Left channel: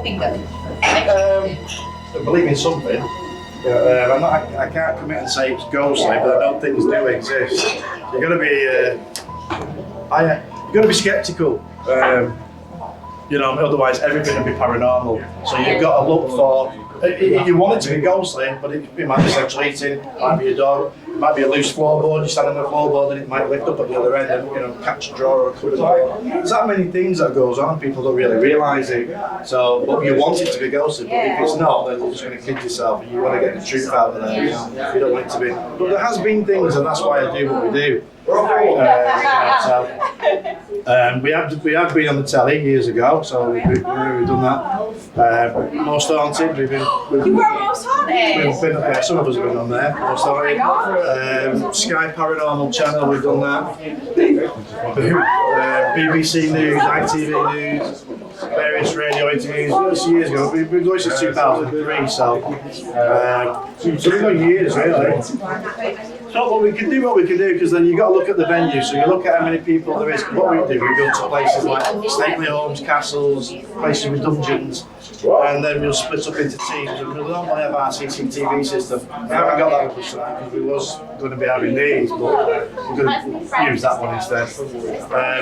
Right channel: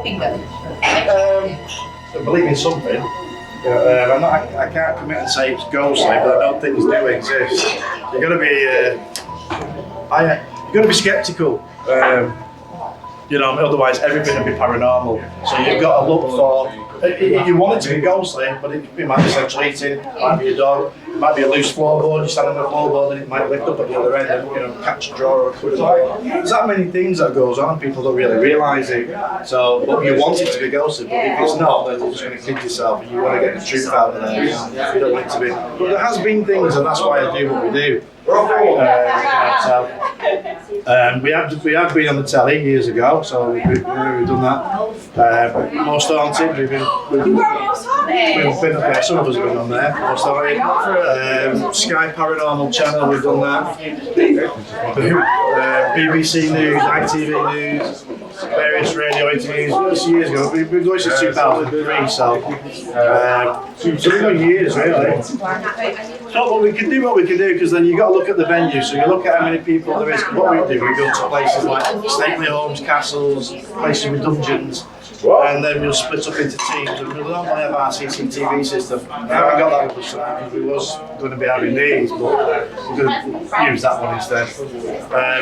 hoping that? I believe in something. I can't commit and say it's ghostly, but I know things do exist. You've got to be sceptical. Otherwise everything would be paranormal. So you've got to look for. You want it to be ghostly, but it might be central heating, it might be a dog, it might be a loose floorboard. You stand on the floorboard and it might lift up at the other end and catch a drawer or a cupboard. There's that many things that goes on. People don't really realise it. So, but you want it to be ghostly, but if it's not, then you're just going to kid yourself. And you want to get the truth out of there. You don't want it to be. But there has been things, and that's why I do what we do. We have been on the telly years ago, so we've done that. Most Haunted, we've been. You were Most Haunted? We've been up there. Some of us have been on there. Most Haunted. Sky Paranormal Channel, we've done that. BBC News, ITV News, various radio interviews. Years ago, we've been going since 2003, so we've got years really. So we can do what we can do, because then you've got to look at the venue. So you look at how many people there is. What we do, we go to places like stately homes, castles, places with dungeons, and then we'll split up into teams. And we'll normally have our CCTV system. We haven't got that with us because we was going to be having these, but we're going to use that one instead.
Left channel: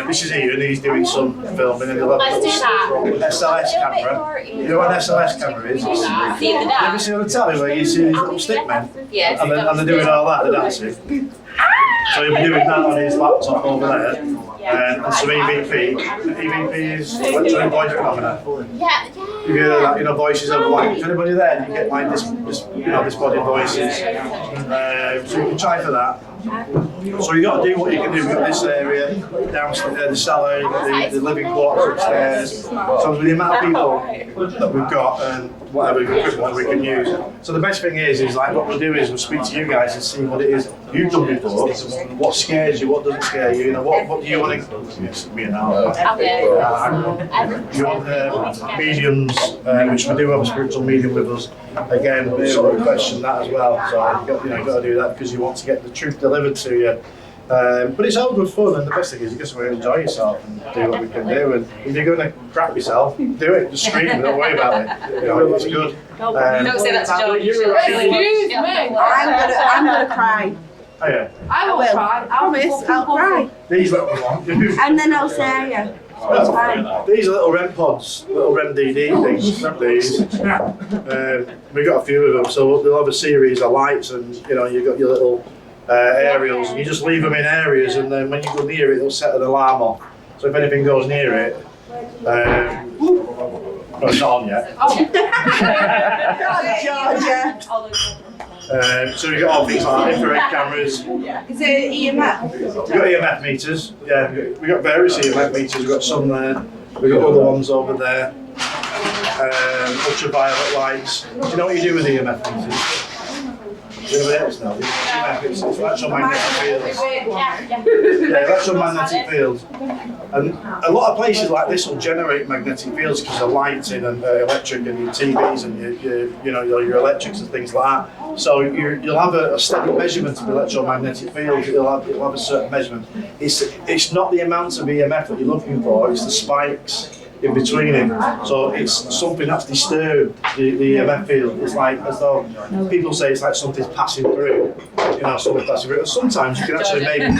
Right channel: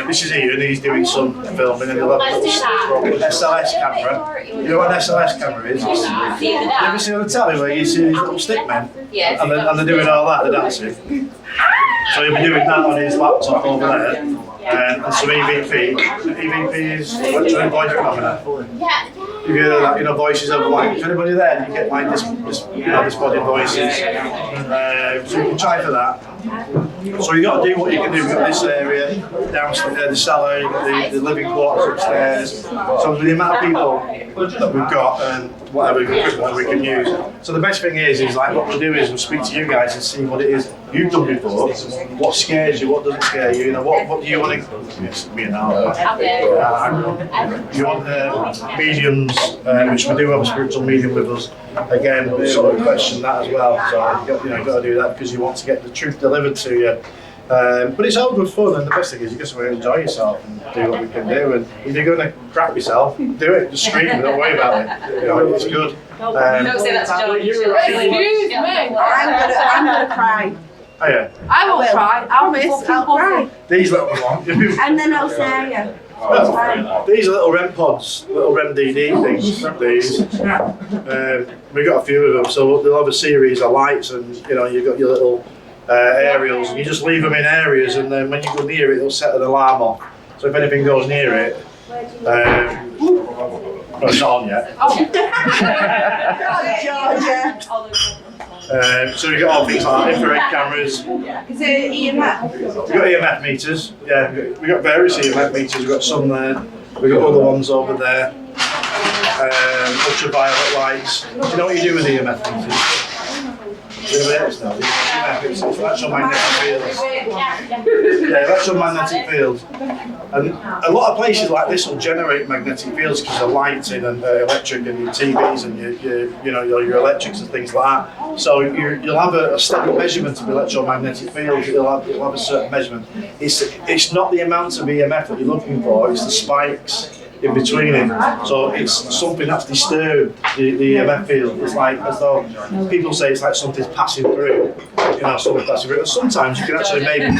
This is Ian, he's doing some filming, and he'll have an SLS camera. You know what an SLS camera is? You ever seen on the telly where you see these little stick men? Yes. And they're doing all that, they're dancing. So he'll be doing that on his laptop over there, and some EVP. EVP is electronic voice phenomena. You hear that, voices of like, if anybody there, you get like this body voices. So you can try for that. So you got to do what you can do. We've got this area downstairs, the cellar, you've got the living quarters upstairs. So with the amount of people that we've got and whatever equipment we can use. So the best thing is like what we'll do is we'll speak to you guys and see what it is you've done before, what scares you, what doesn't scare you, what do you want to. It's me now. You want mediums, which we do have a spiritual medium with us. Again, we'll sort of question that as well. So you've got to do that because you want to get the truth delivered to you. But it's all good fun, and the best thing is you just want to enjoy yourself and do what we can do. And if you're going to crap yourself, do it. Just scream, don't worry about it. It's good. Don't say that to John. Excuse me. I'm gonna cry. Oh yeah. I will try. I'll cry. These little ones. And then I'll say yeah. It's fine. These are little REM pods, little REM DD things. These. We've got a few of them, so they'll have a series of lights, and you've got your little aerials, and you just leave them in areas, and then when you go near it, it'll set an alarm off. So if anything goes near it, well, it's not on yet. Georgia. So we've got all things like infrared cameras. Is it EMF? We've got EMF meters. Yeah, we've got various EMF meters. We've got some there. We've got other ones over there. Ultraviolet lights. Do you know what you do with EMF meters? It's electromagnetic fields. Yeah, electromagnetic fields. And a lot of places like this will generate magnetic fields because of lighting and electric and your TVs and your electrics and things like that. So you'll have a steady measurement of electromagnetic fields. You'll have a certain measurement. It's not the amount of EMF that you're looking for. It's the spikes in between it. So it's something that's disturbed the EMF field. It's like as though people say it's like something's passing through. Something passing through. Sometimes you can actually maybe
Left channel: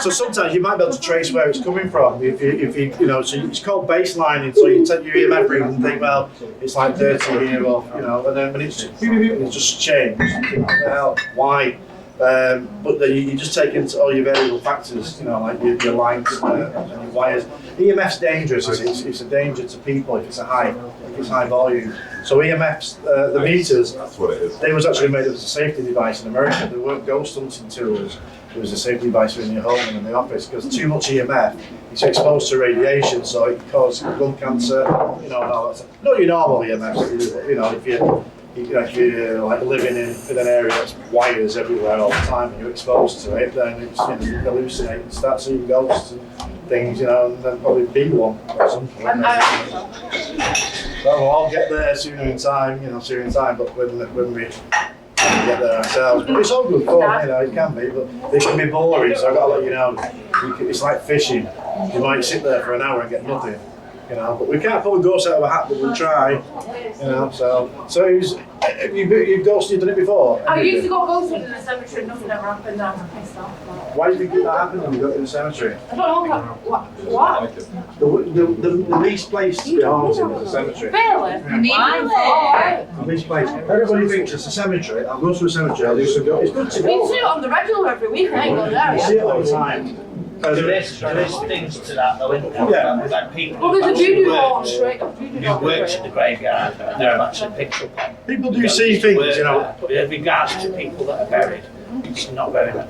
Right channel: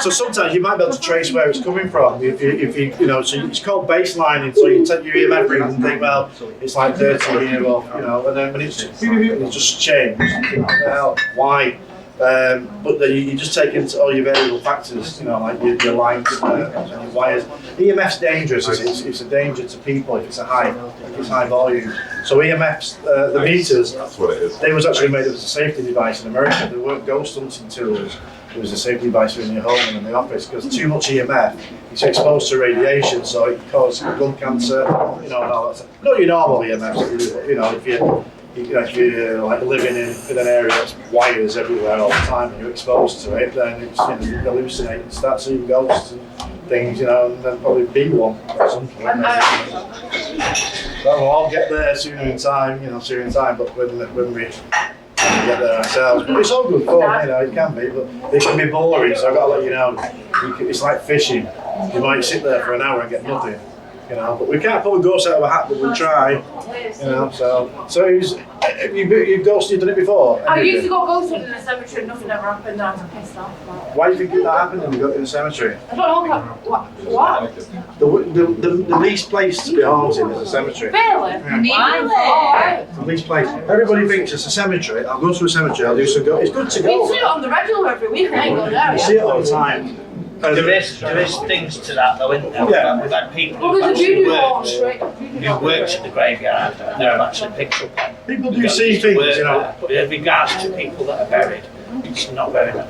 so sometimes you might be able to trace where it's coming from. If you so it's called baselining. So you take your EMF reading and think, well, it's like 30 here, or and then when it's just changed, you think, what the hell? Why? But then you just take into all your variable factors, like your lights and your wires. EMF's dangerous. It's a danger to people if it's high volume. So EMFs, the meters, they was actually made as a safety device in America. They weren't ghost hunting tools. It was a safety device in your home and in the office, because too much EMF, it's exposed to radiation, so it causes lung cancer. Not your normal EMFs. If you're like living in an area that's wires everywhere all the time and you're exposed to it, then it's you hallucinate and start seeing ghosts and things, and then probably be one at some point. So we'll all get there sooner in time, but when we to get there ourselves. But it's all good fun, it can be, but it can be boring, so I've got to let you know, it's like fishing. You might sit there for an hour and get nothing, but we can't pull a ghost out of a hat, but we'll try, so you've ghosted, done it before? I used to go ghosted in the cemetery and nothing ever happened and I was pissed off. Why do you think that happened when you got in the cemetery? I don't know what? The least place to be haunted is a cemetery. Really? The least place. Everybody thinks it's a cemetery. I'll go to a cemetery, I'll do some go. It's good to We go. see it on the regular every week, I ain't go there. You see it all the time. There is things to that though, isn't there? Yeah. We've had people Well, who there's a actually voodoo hall worked, straight. who worked at the graveyard and they've actually picked up on. People do see things, But with regards to people that are buried, it's not very much.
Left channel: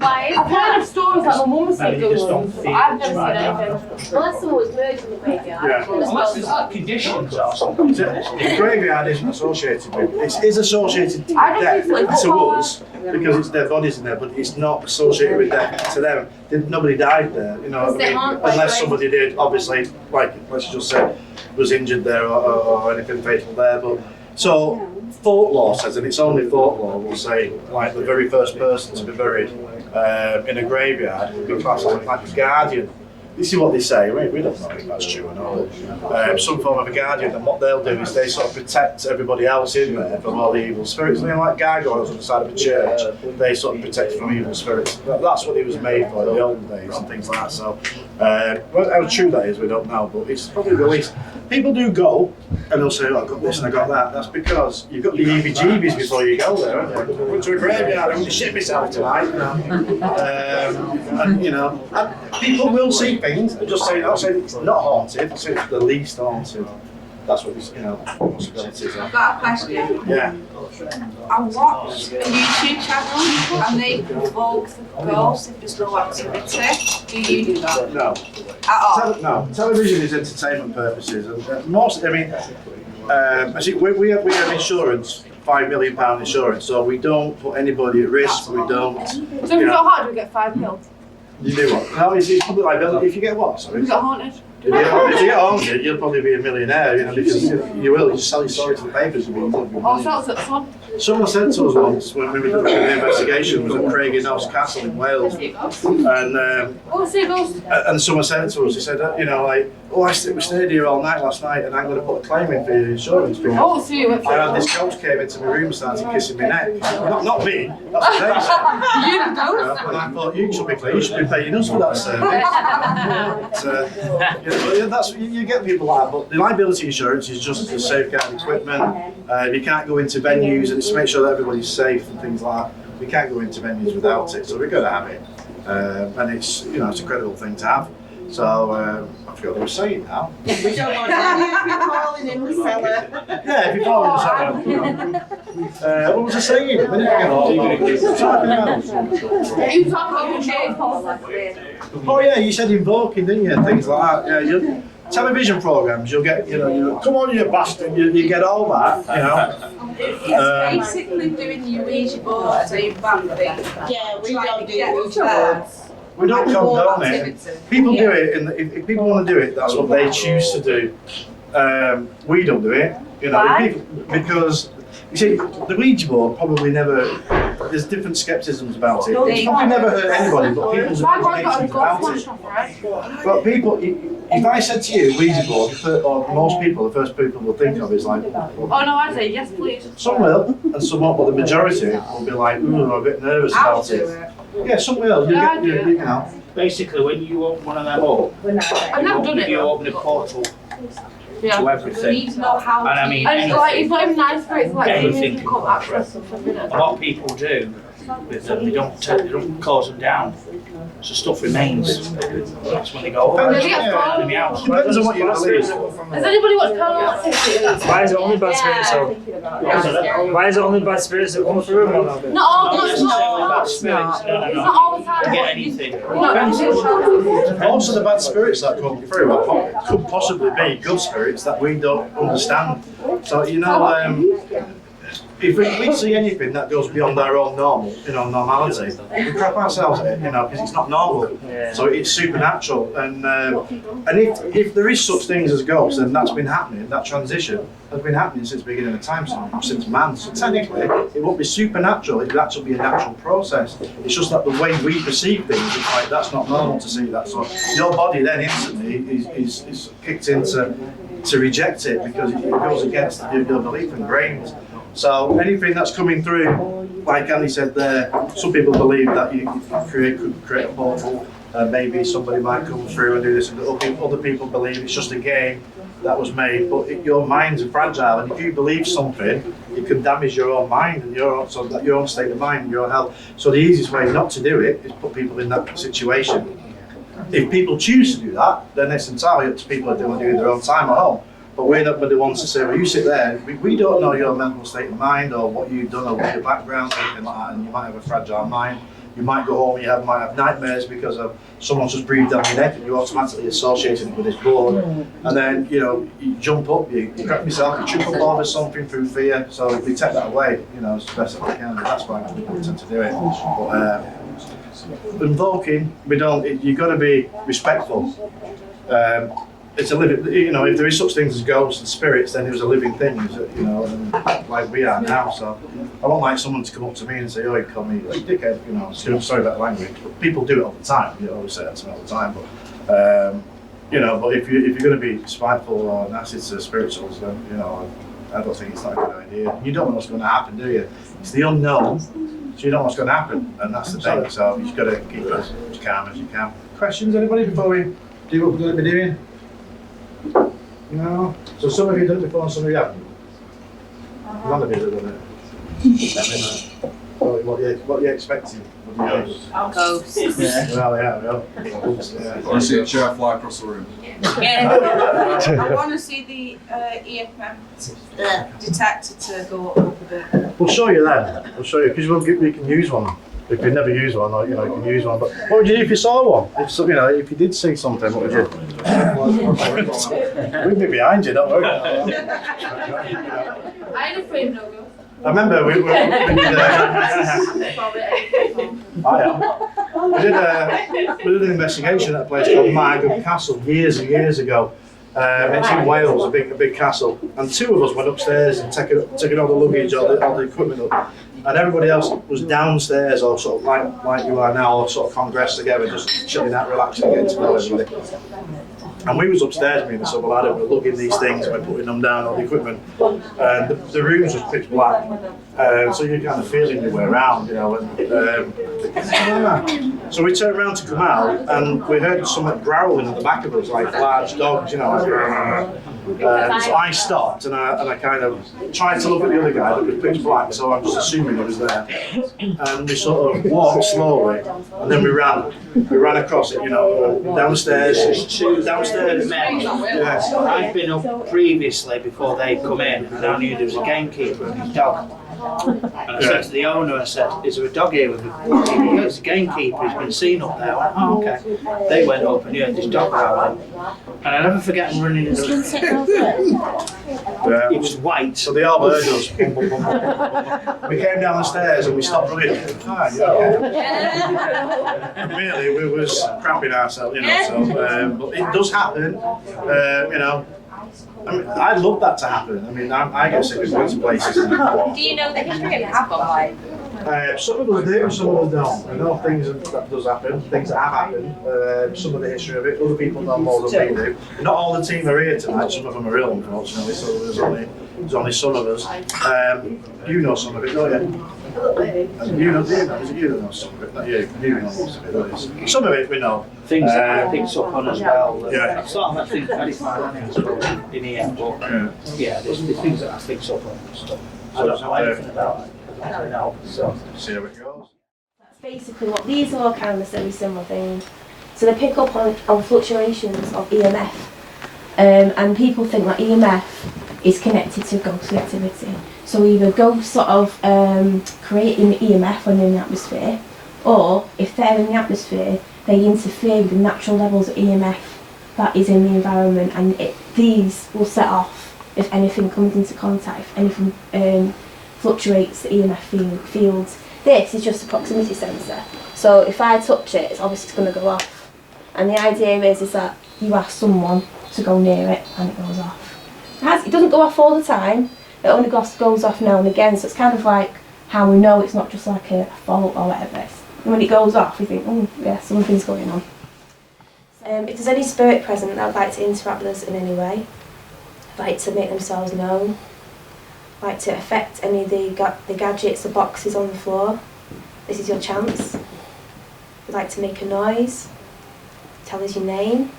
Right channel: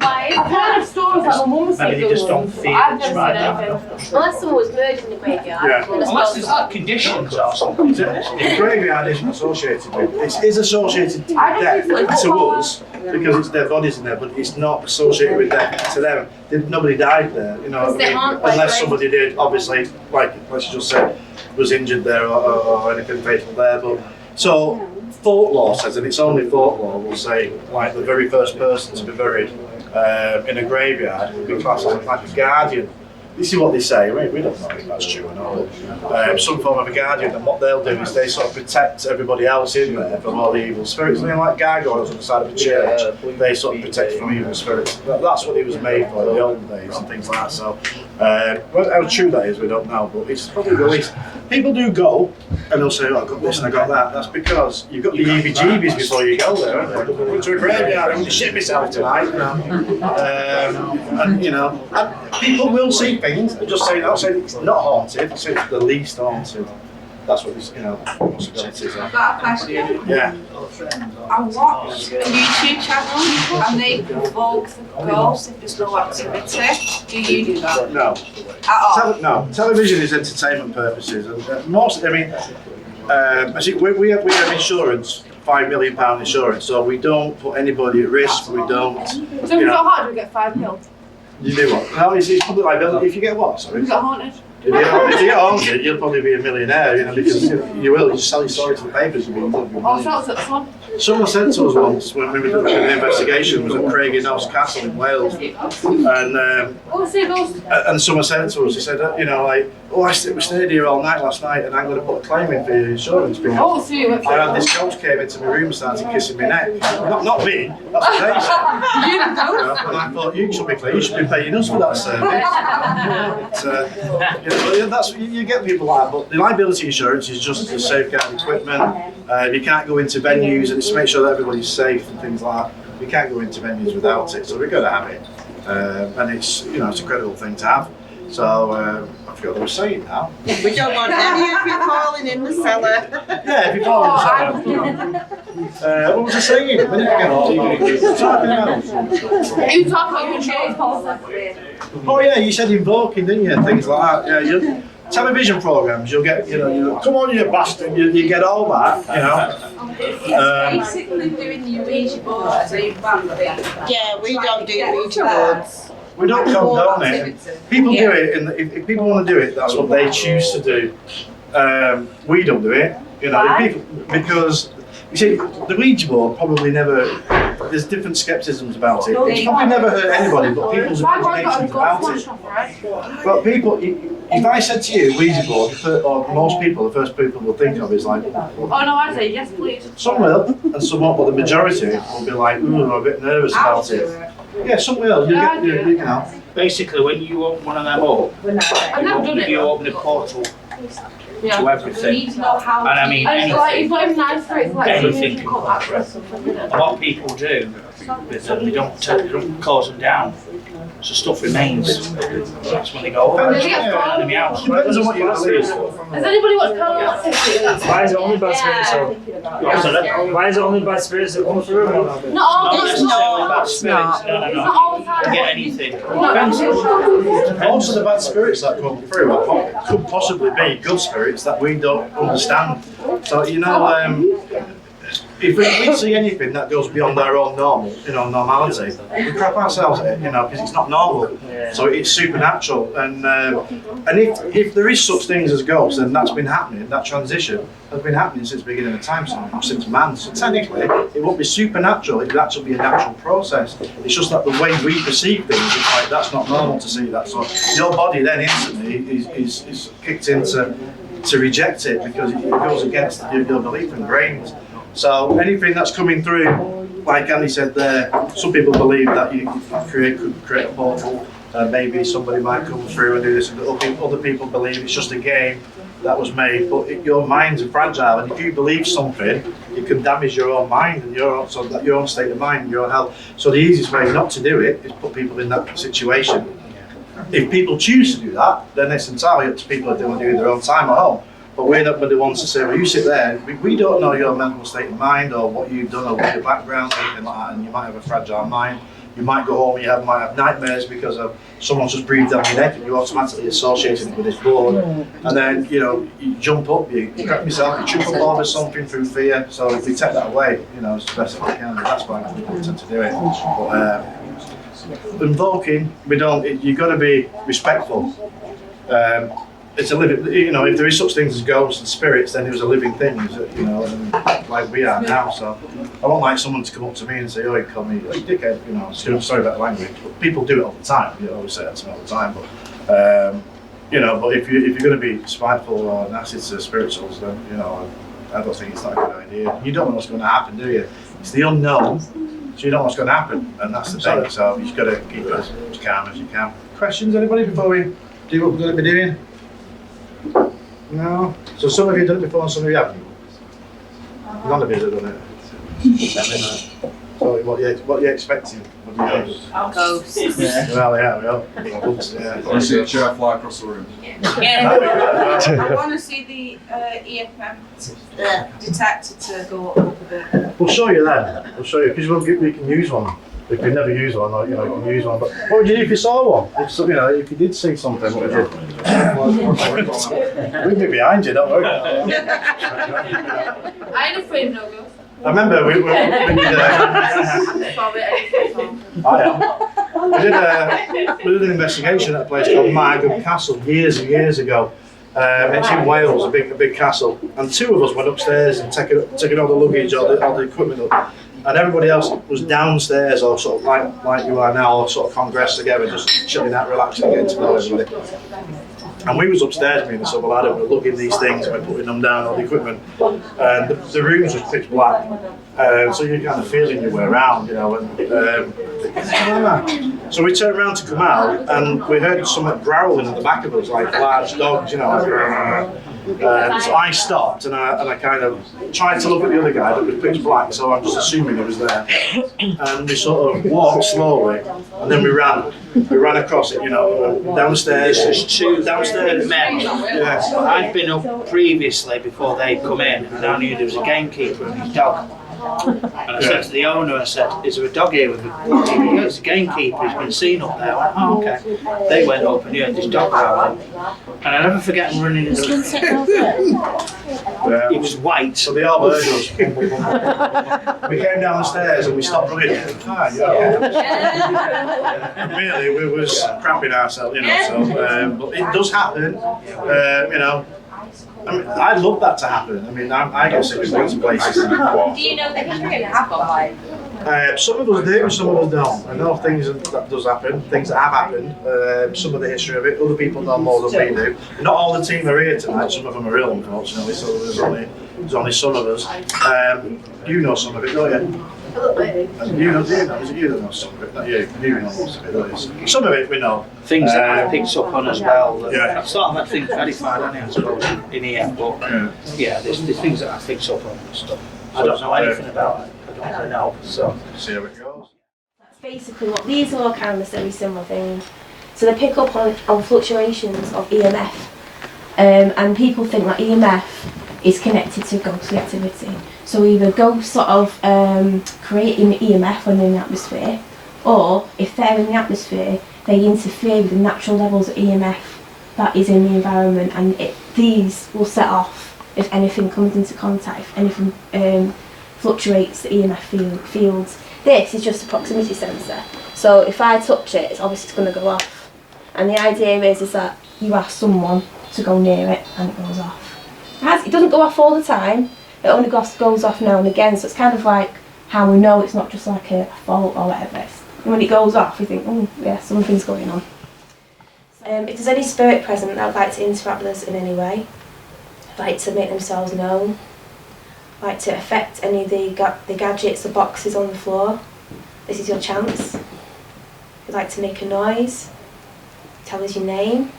I've heard of stories that my mum said Maybe you just don't feel I've it's never right seen now. anything. Unless someone was murdered in the graveyard. Yeah. Unless there's like conditions or something. The graveyard isn't associated with it. It is associated with I don't death think to so. us because it's dead bodies in there, but it's not associated with death to them. Nobody died there, what I mean? Unless somebody did, obviously, like let's just say, was injured there or anything fatal there. But so folklore says, and it's only folklore, will say like the very first person to be buried in a graveyard would be classed as like a guardian. This is what they say. We don't know if that's true or not. But, some form of a guardian, and what they'll do is they sort of protect everybody else in there from all the evil spirits. They're like gargoyles on the side of a church. They sort of protect from evil spirits. That's what it was made for in the olden days and things like that. So, how true that is, we don't know. But it's probably the least. People do go, and they'll say, "Oh, I got this and I got that." That's because you've got the EBGBs before you go there, haven't you? Went to a graveyard. I'm going to shit myself tonight. And people will see things. I'm just saying, I'll say it's not haunted. I'll say it's the least haunted. That's what these, possibilities are. I've got a question. Yeah. I watched a YouTube channel and they provoke the ghosts if there's no activity. Do you do that? No. At all? No. Television is entertainment purposes, and most. I mean, I think we have insurance. £5 million insurance, so we don't put anybody at risk. We don't. So if we got haunted, we get 5 mil. You do what? No, it's public liability. If you get what? Sorry. We got haunted. If you get haunted, you'll probably be a millionaire, because you will. You just sell your story to the papers. You'll be All millionaire. sorts of fun. Someone said to us once when we were doing the investigation was at Craigienos Castle in Wales, and Oh, see ghosts. and someone said to us, he said, we stayed here all night last night, and I'm going to put a claim in for your insurance because Oh, see you. I had this ghost came into my room and started kissing my neck. Not me. That's what they said. You the ghost. And I thought you should be paying us for that service. That's you get people like that, but the liability insurance is just to safeguard equipment. You can't go into venues, and it's to make sure that everybody's safe and things like that. We can't go into venues without it, so we've got to have it. And it's it's a credible thing to have. So I forgot what I was saying now. We don't want any of you falling in the cellar. Yeah, if you fall in the cellar. What was I saying? A minute ago. Talking about. You talk about insurance policy. Oh yeah, you said invoking, didn't you? And things like that. Yeah, television programs. You'll get, come on, you bastard. You get all that, It's basically doing the Ouija board, so you bang things. Yeah, we don't do Ouija boards. We don't condone it. People do it, and if people want to do it, that's what they choose to do. We don't do it, because you see, the Ouija board probably never. There's different skepticisms about it. It's probably never hurt anybody, but people's imaginations about it. But people, if I said to you Ouija board, or most people, the first people will think of is like. Oh no, I'd say yes, please. Some will, and some won't, but the majority will be like, ooh, I'm a bit nervous about it. Yeah, some will. Basically, when you open one of them up, I've never done it. you open a portal Yeah. to everything. And I mean, And it's like, it's not even nice for it, it's like Everything. difficult access or something. a lot of people do with them, they don't close them down. So stuff remains. That's when they go, oh, Does it get yeah, thrown? in the house. Depends on what you believe. Has anybody watched Paranormal Activity? Why is it only bad spirits? Why is it only bad spirits that come through? Not all Not the necessarily bad it's spirits, not. no. It's not all the time. You get anything. Most of the bad spirits that come through could possibly be good spirits that we don't understand. So if we see anything that goes beyond our own normal, normality, we crap ourselves at it, because it's not normal. Yeah. So it's supernatural, and if there is such things as ghosts, then that's been happening. That transition has been happening since the beginning of time, since man. So technically, it won't be supernatural. It would actually be a natural process. It's just that the way we perceive things, it's like that's not normal to see that. So your body then instantly is kicked into to reject it because it goes against your belief and brains. So anything that's coming through, like Andy said there, some people believe that you could create a portal and maybe somebody might come through and do this, and other people believe it's just a game that was made, but your mind's fragile, and if you believe something, it can damage your own mind and your own state of mind and your own health. So the easiest way not to do it is put people in that situation. If people choose to do that, then it's entirely up to people if they want to do it in their own time at home. But we're not the ones to say, well, you sit there, we don't know your mental state of mind or what you've done or what your background or anything like that, and you might have a fragile mind. You might go home and might have nightmares because of someone's just breathed down your neck and you automatically associate it with this blood. And then, you jump up, you crack yourself, you trip up over something through fear. So if we take that away, it's the best that we can. That's why people tend to do it. But invoking, you've got to be respectful. It's a living, if there is such things as ghosts and spirits, then it was a living thing, like we are now. So I won't like someone to come up to me and say, oh, you call me like dickhead, sorry about the language, but people do it all the time. You always say that to me all the time, but but if you're going to be spiteful or nasty to spirituals, then I don't think it's not a good idea. You don't know what's going to happen, do you? It's the unknown, so you don't know what's going to happen, and that's the thing. So you've got to keep it as calm as you can. Questions, anybody, before we do what we're going to be doing? No. So some of you have done it before and some of you haven't. None of you have done it. Let me know. So what are you expecting? What do you know? Ghosts. Yeah. Well, yeah, we are. I see a chair fly across the room. I want to see the EMF detector to go up a bit. We'll show you then. We'll show you because we can use one. If you've never used one, or you can use one. But what would you do if you saw one? If you did see something, what would you do? We'd be behind you, don't worry. I ain't afraid of no ghosts. I remember we did an investigation at a place called Margam Castle years and years ago. It's in Wales, a big castle, and two of us went upstairs and taking all the luggage, all the equipment up, and everybody else was downstairs, or sort of like you are now, or sort of congressed together, just chilling out, relaxing, getting to know everybody. And we was upstairs, me and this other lad, and we were lugging these things and we're putting them down, all the equipment. And the rooms was pitch black, so you're kind of feeling your way around, so we turned around to come out, and we heard something growling at the back of us, like large dogs, so I stopped and I kind of tried to look at the other guy, but it was pitch black, so I'm just assuming he was there. And we sort of walked slowly, and then we ran across it, downstairs. There's two downstairs men. Yeah. I'd been up previously before they'd come in, and I knew there was a gamekeeper and his dog. And I said to the owner, I said, is there a dog here with a it's a gamekeeper, he's been seen up there. I went, oh, okay. They went up and you heard this dog growling. And I never forget him running in the It was white. So they all heard us. We came down the stairs and we stopped running. Really, we was cramping ourselves, but it does happen, I mean, I'd love that to happen. I mean, I get sick of going to places. Do you know the history of that? Some of us do, some of us don't. I know things that does happen, things that have happened, some of the history of it. Other people know more than we do. Not all the team are here tonight, some of them are ill, unfortunately, so there's only some of us. You know some of it, don't you? And you know, is it you that knows some of it? Not you. You know most of it, don't you? Some of it we know. Things that I picked up on as well. Yeah. I sort of had things verified, I suppose, in here, but there's things that I picked up on and stuff. I don't know anything about it. I don't know, so. See how it goes. That's basically what these are, kind of very similar things. So they pick up on fluctuations of EMF, and people think that EMF is connected to ghostly activity. So either ghosts sort of creating EMF when they're in the atmosphere, or if they're in the atmosphere, they interfere with the natural levels of EMF that is in the environment, and these will set off if anything comes into contact, if anything fluctuates the EMF fields. This is just a proximity sensor. So if I touch it, it's obviously going to go off. And the idea is that you ask someone to go near it and it goes off. It doesn't go off all the time. It only goes off now and again. So it's kind of like how we know it's not just like a fault or whatever. And when it goes off, we think, oh yeah, something's going on. If there's any spirit present that would like to interact with us in any way, like to make themselves known, like to affect any of the gadgets or boxes on the floor, this is your chance. If you'd like to make a noise, tell us your name.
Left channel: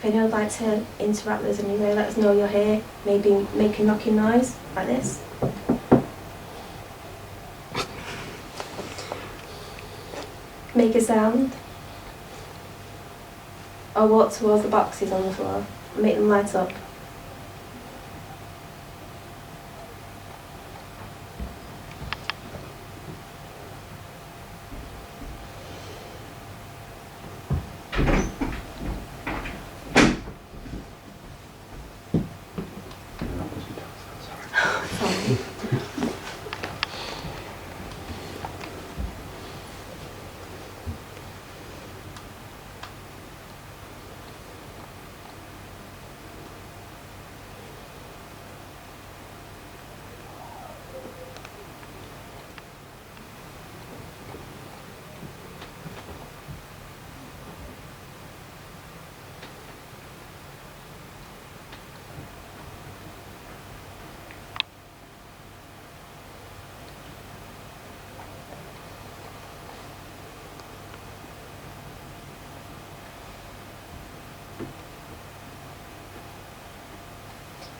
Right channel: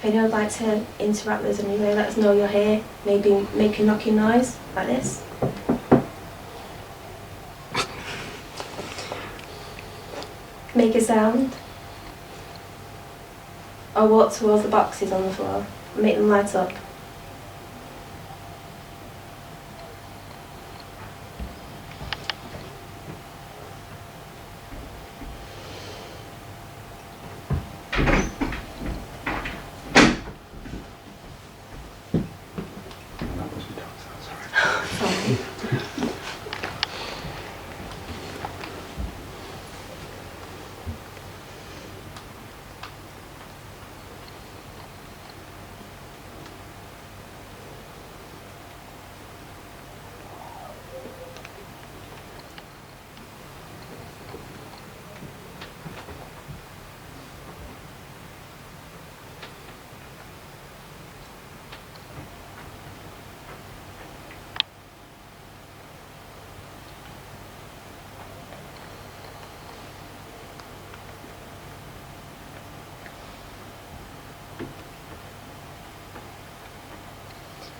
If anyone would like to interact with us anyway, let us know you're here. Maybe make a knocking noise like this. Make a sound. Or walk towards the boxes on the floor and make them light up.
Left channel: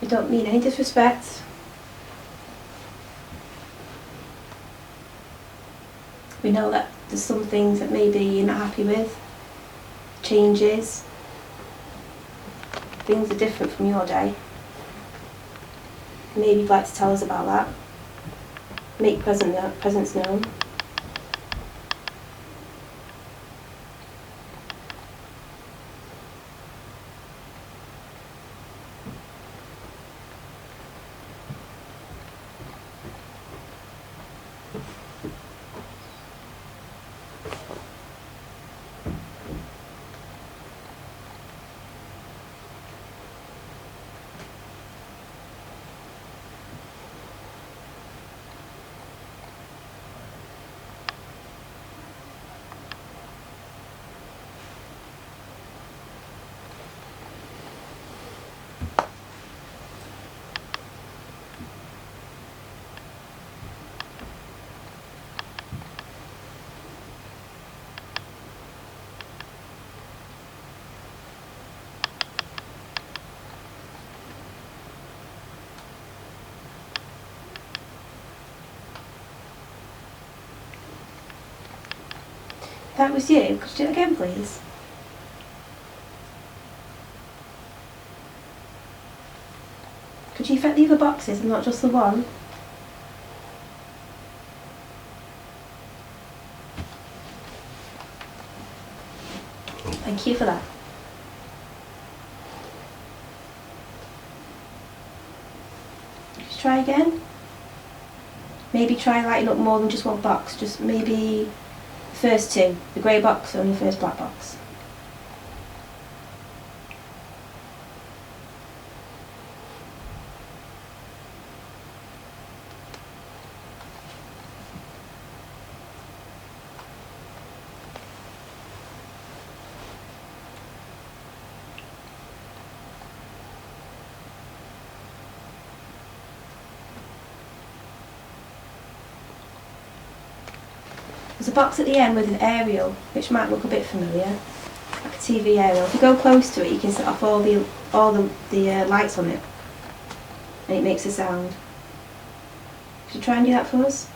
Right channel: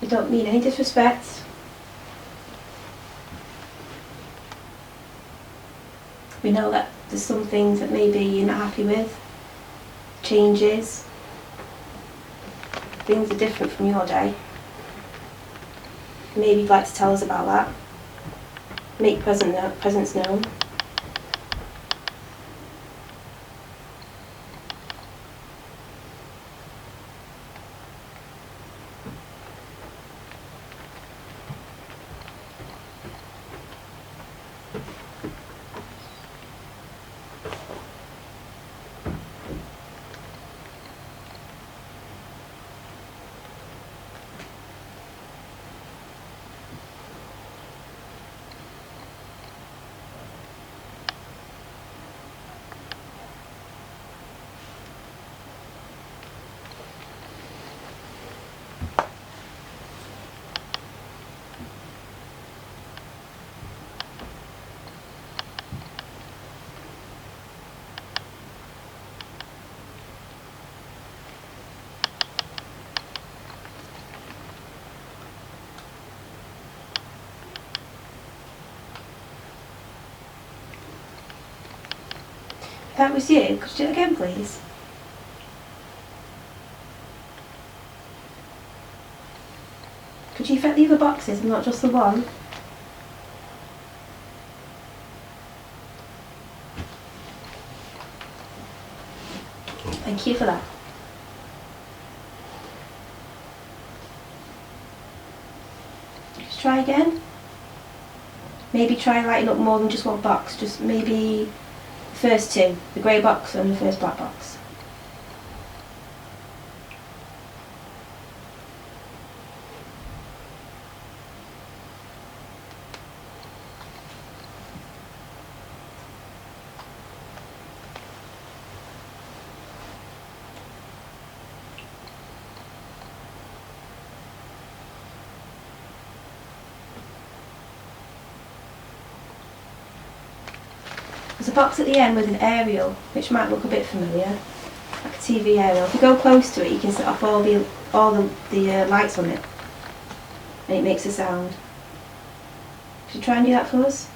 We don't mean any disrespect. We know that there's some things that maybe you're not happy with, changes, things are different from your day. Maybe you'd like to tell us about that. Make presence known. If that was you, could you do it again, please? Could you affect the other boxes and not just the one? Thank you for that. Just try again. Maybe try lighting up more than just one box, just maybe the first two, the grey box and the first black box. There's a box at the end with an aerial, which might look a bit familiar, like a TV aerial. If you go close to it, you can set off all the lights on it, and it makes a sound. Could you try and do that for us?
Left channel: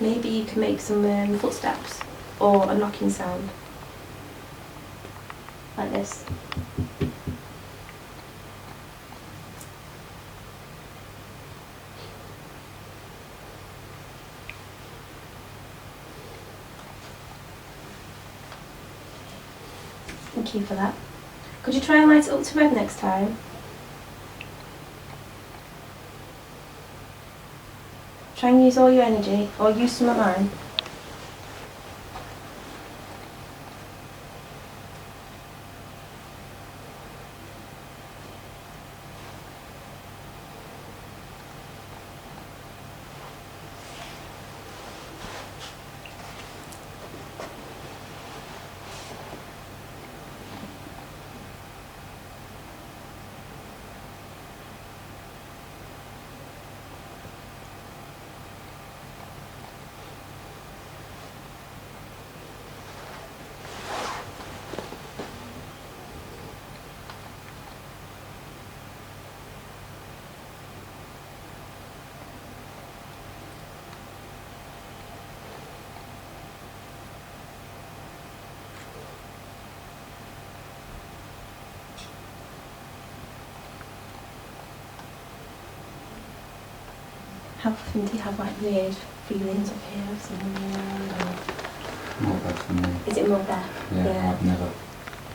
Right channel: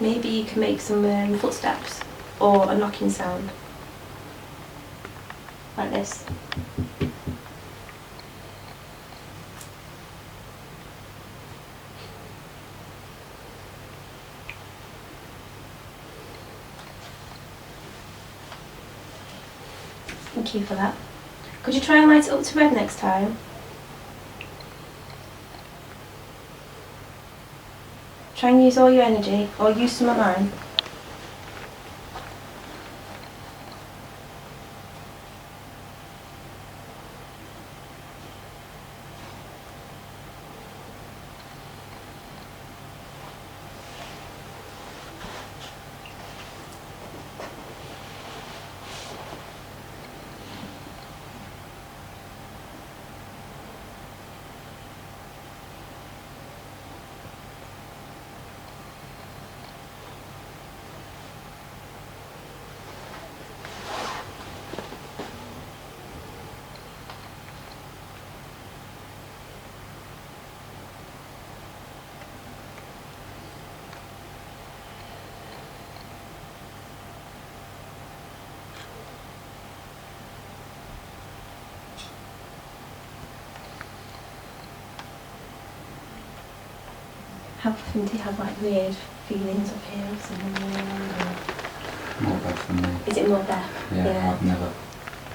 Maybe you can make some footsteps or a knocking sound. Like this. Thank you for that. Could you try and light it up to red next time? Try and use all your energy, or use some of mine. How often do you have like weird feelings up here or something? More Beth than me. Is it more Beth? Yeah, I've never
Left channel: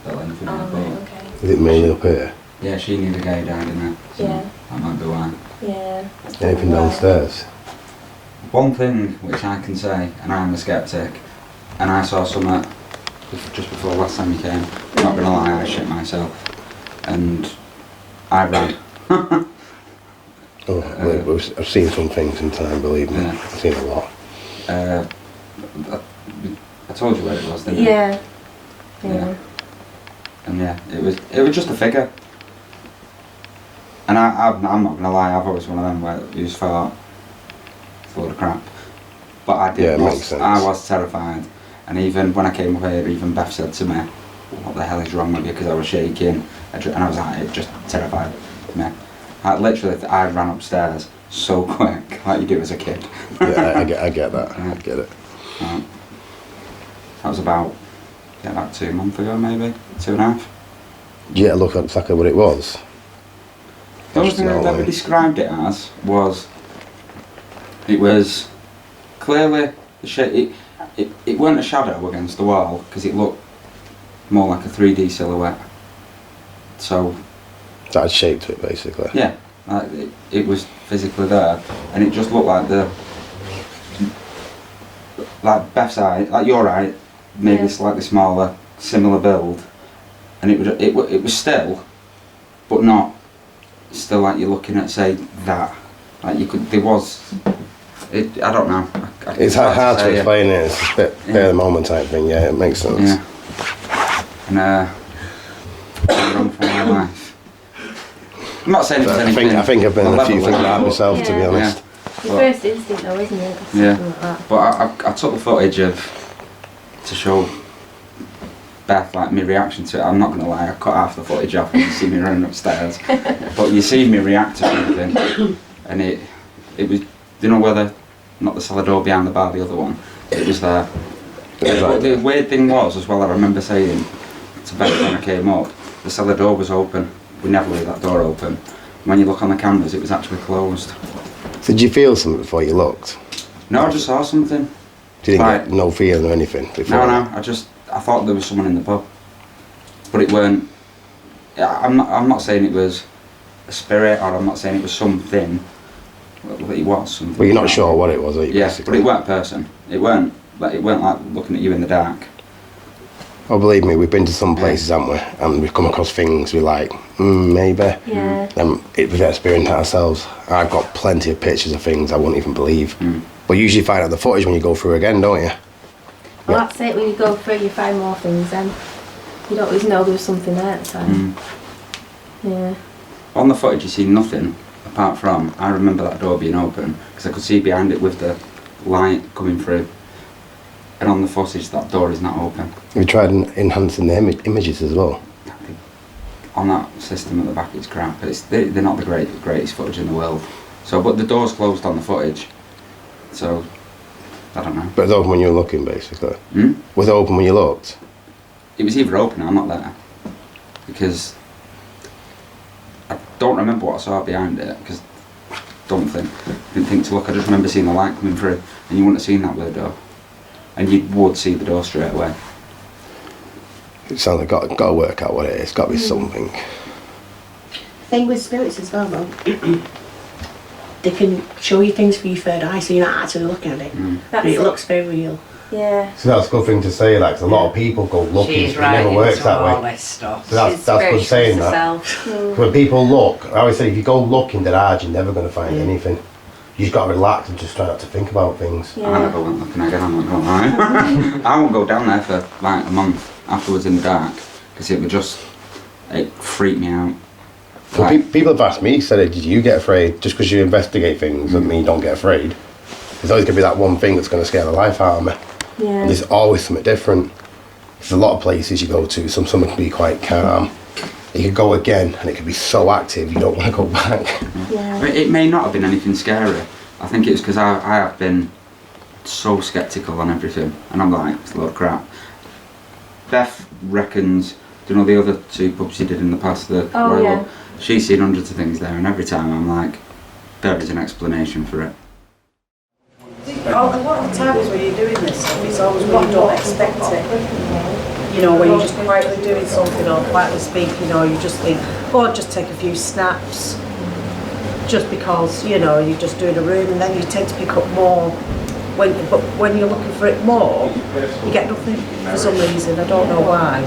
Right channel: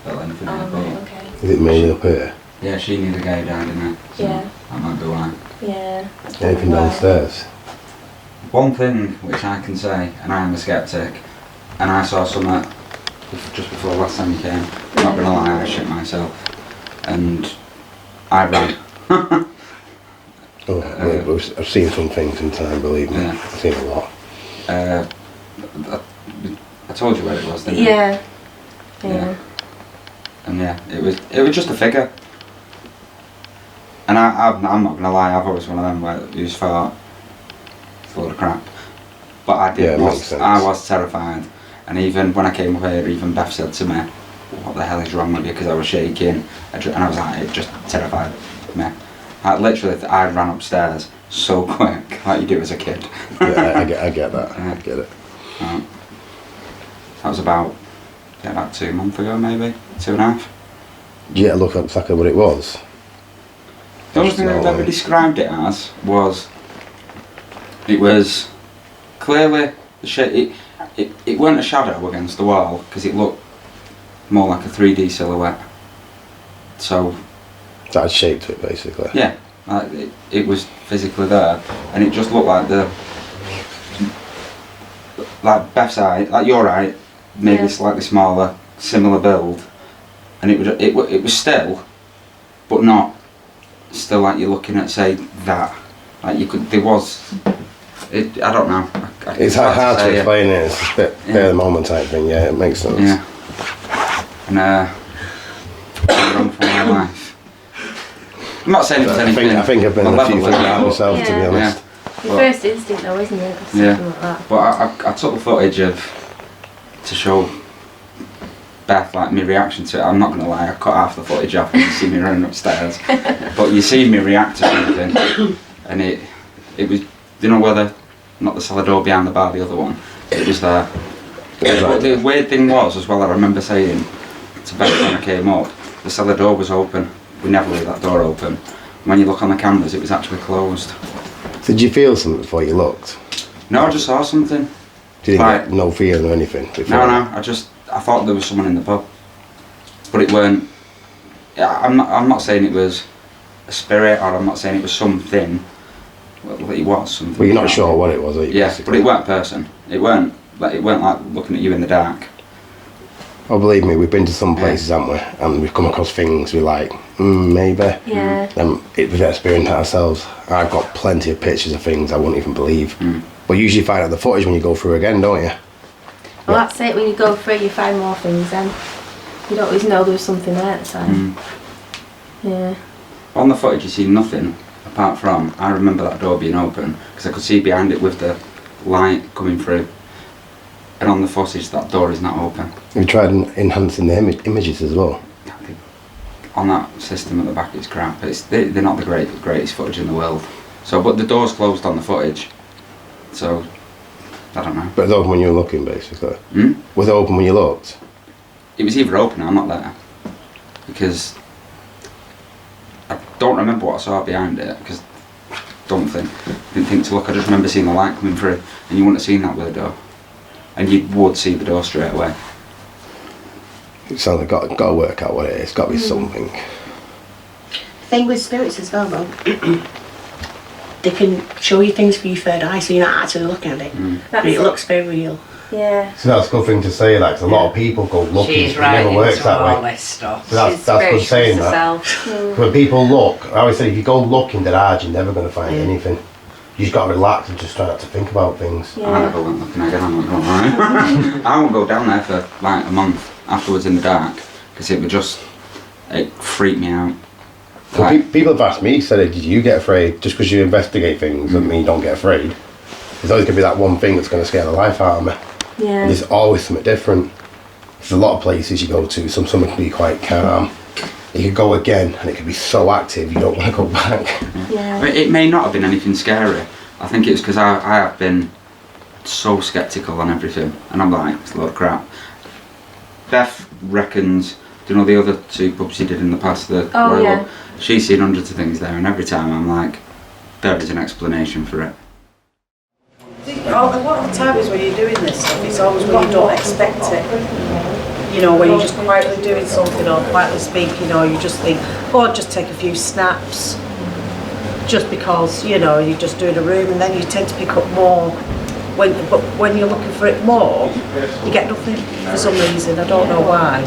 felt anything Oh, like right, that. okay. Is it mainly up here? Yeah, she knew the guy died in there. So Yeah. that might be why. Yeah. That's Anything probably why. downstairs? One thing which I can say, and I am a skeptic, and I saw something just before last time you came, I'm not gonna lie, I shit myself. And I ran. I've seen some things in time, believe me. Yeah. I've seen a lot. I told you where it was, didn't I? Yeah. Yeah. And yeah, it was just a figure. And I'm not gonna lie, I've always one of them where you just thought it's a load of crap. But I did. Yeah, it makes sense. I was terrified, and even when I came up here, even Beth said to me, "What the hell is wrong with you?" Because I was shaking, and I was like, it just terrified me. I ran upstairs so quick, like you do as a kid. Yeah, I get that. Yeah. I get it. That was about 2 months ago, maybe 2.5. Yeah, look exactly what it was. The only thing I've ever described it as was, it was clearly it weren't a shadow against the wall because it looked more like a 3D silhouette. So That had shape to it, basically. yeah, like it was physically there, and it just looked like Beth's eye, like your eye, maybe slightly smaller, similar build, and it was still, but not still like you're looking at, say, that. Like you could, there was, I don't know. It's hard to explain it. It's a bit bare the moment type thing. Yeah, it makes sense. Yeah. And I run for my life. I'm not saying it was anything. I think I've been in a few things malevolent. like that myself, to be Yeah. honest. Your first instinct though, isn't it? Yeah. Something like that. But I took the footage to show Beth like my reaction to it. I'm not gonna lie, I cut half the footage off and you see me running upstairs. But you see me react to something, and it was, you know, whether not the cellar door behind the bar, the other one, it was there. But the weird thing was as well, I remember saying to Beth when I came up, the cellar door was open. We never leave that door open. When you look on the cameras, it was actually closed. Did you feel something before you looked? No, I just saw something. Did you Like- get no feeling or anything before? No, I thought there was someone in the pub, but it weren't. I'm not saying it was a spirit, or I'm not saying it was something. Well, it was something. But you're not sure what it was, are you? Yeah, basically? but it weren't person. It weren't like looking at you in the dark. Oh, believe me, we've been to some places, haven't we? And we've come across things we're like, maybe. Yeah. We've experienced it ourselves. I've got plenty of pictures of things I wouldn't even believe. But you usually find out the footage when you go through again, don't you? Well, that's it. When you go through, you find more things. Then you don't always know there was something there at the time. Yeah. On the footage, you see nothing apart from. I remember that door being open because I could see behind it with the light coming through. And on the footage, that door is not open. Have you tried enhancing the images as well? On that system at the back, it's crap. They're not the greatest footage in the world. So, but the door's closed on the footage. So, I don't know. But it was open when you were looking, basically. Was it open when you looked? It was either open or I'm not there. Because I don't remember what I saw behind it. Because didn't think to look. I just remember seeing the light coming through, and you wouldn't have seen that with the door. And you would see the door straight away. It sounds like got to work out what it is. It's got to be something. Thing with spirits as well, though, they can show you things for your third eye, so you're not actually looking at it. But it looks very real. Yeah. So that's a good thing to say, like, 'cause a lot of people go looking, She's but it never right works into that all way. this stuff. So that's good saying that. When people look, I always say, if you go looking dead hard, you're never going to find anything. You just got to relax and just try not to think about things. Yeah. I never went looking again, I'm not going to lie. I won't go down there for like a month afterwards in the dark, because it freaked me out. Well, people have asked me, said, did you get afraid? Just because you investigate things doesn't mean you don't get afraid. There's always going to be that one thing that's going to scare the life out of me. Yeah. And there's always something different. There's a lot of places you go to, some can be quite calm. You could go again and it could be so active you don't want to go back. Yeah. It may not have been anything scary. I think it was because I have been so sceptical on everything, and I'm like, it's a load of crap. Beth reckons, do you know the other two pubs you did in the past? Yeah. She's seen hundreds of things there, and every time I'm like, there is an explanation for it. A lot of the times when you're doing this stuff, it's always when you don't expect it. You know, when you're just quietly doing something or quietly speaking, or you just think, oh, I'll just take a few snaps, just because, you know, you're just doing a room, and then you tend to pick up more. But when you're looking for it more, you get nothing for some reason. I don't know why.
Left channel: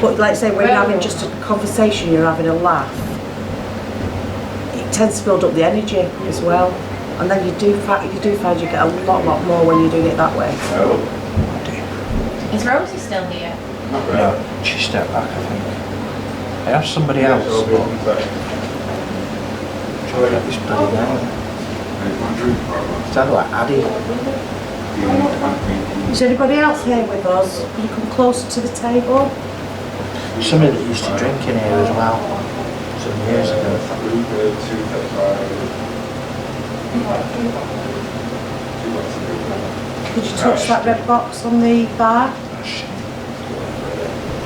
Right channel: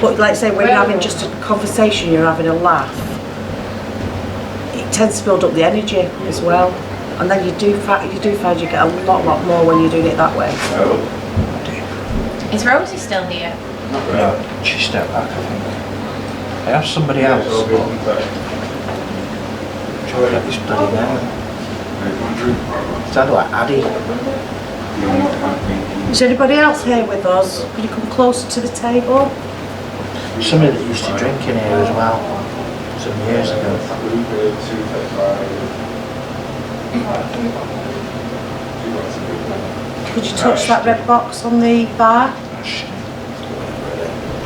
But like I say, when you're having just a conversation, you're having a laugh, it tends to build up the energy as well. And then you do find you get a lot more when you're doing it that way. Is Rosie still here? No, she stepped back, I think. I asked somebody else, but trying to get this bloody name. Sounded like Addy. Is anybody else here with us? Can you come closer to the table? Somebody that used to drink in here as well, some years ago. Could you touch that red box on the bar?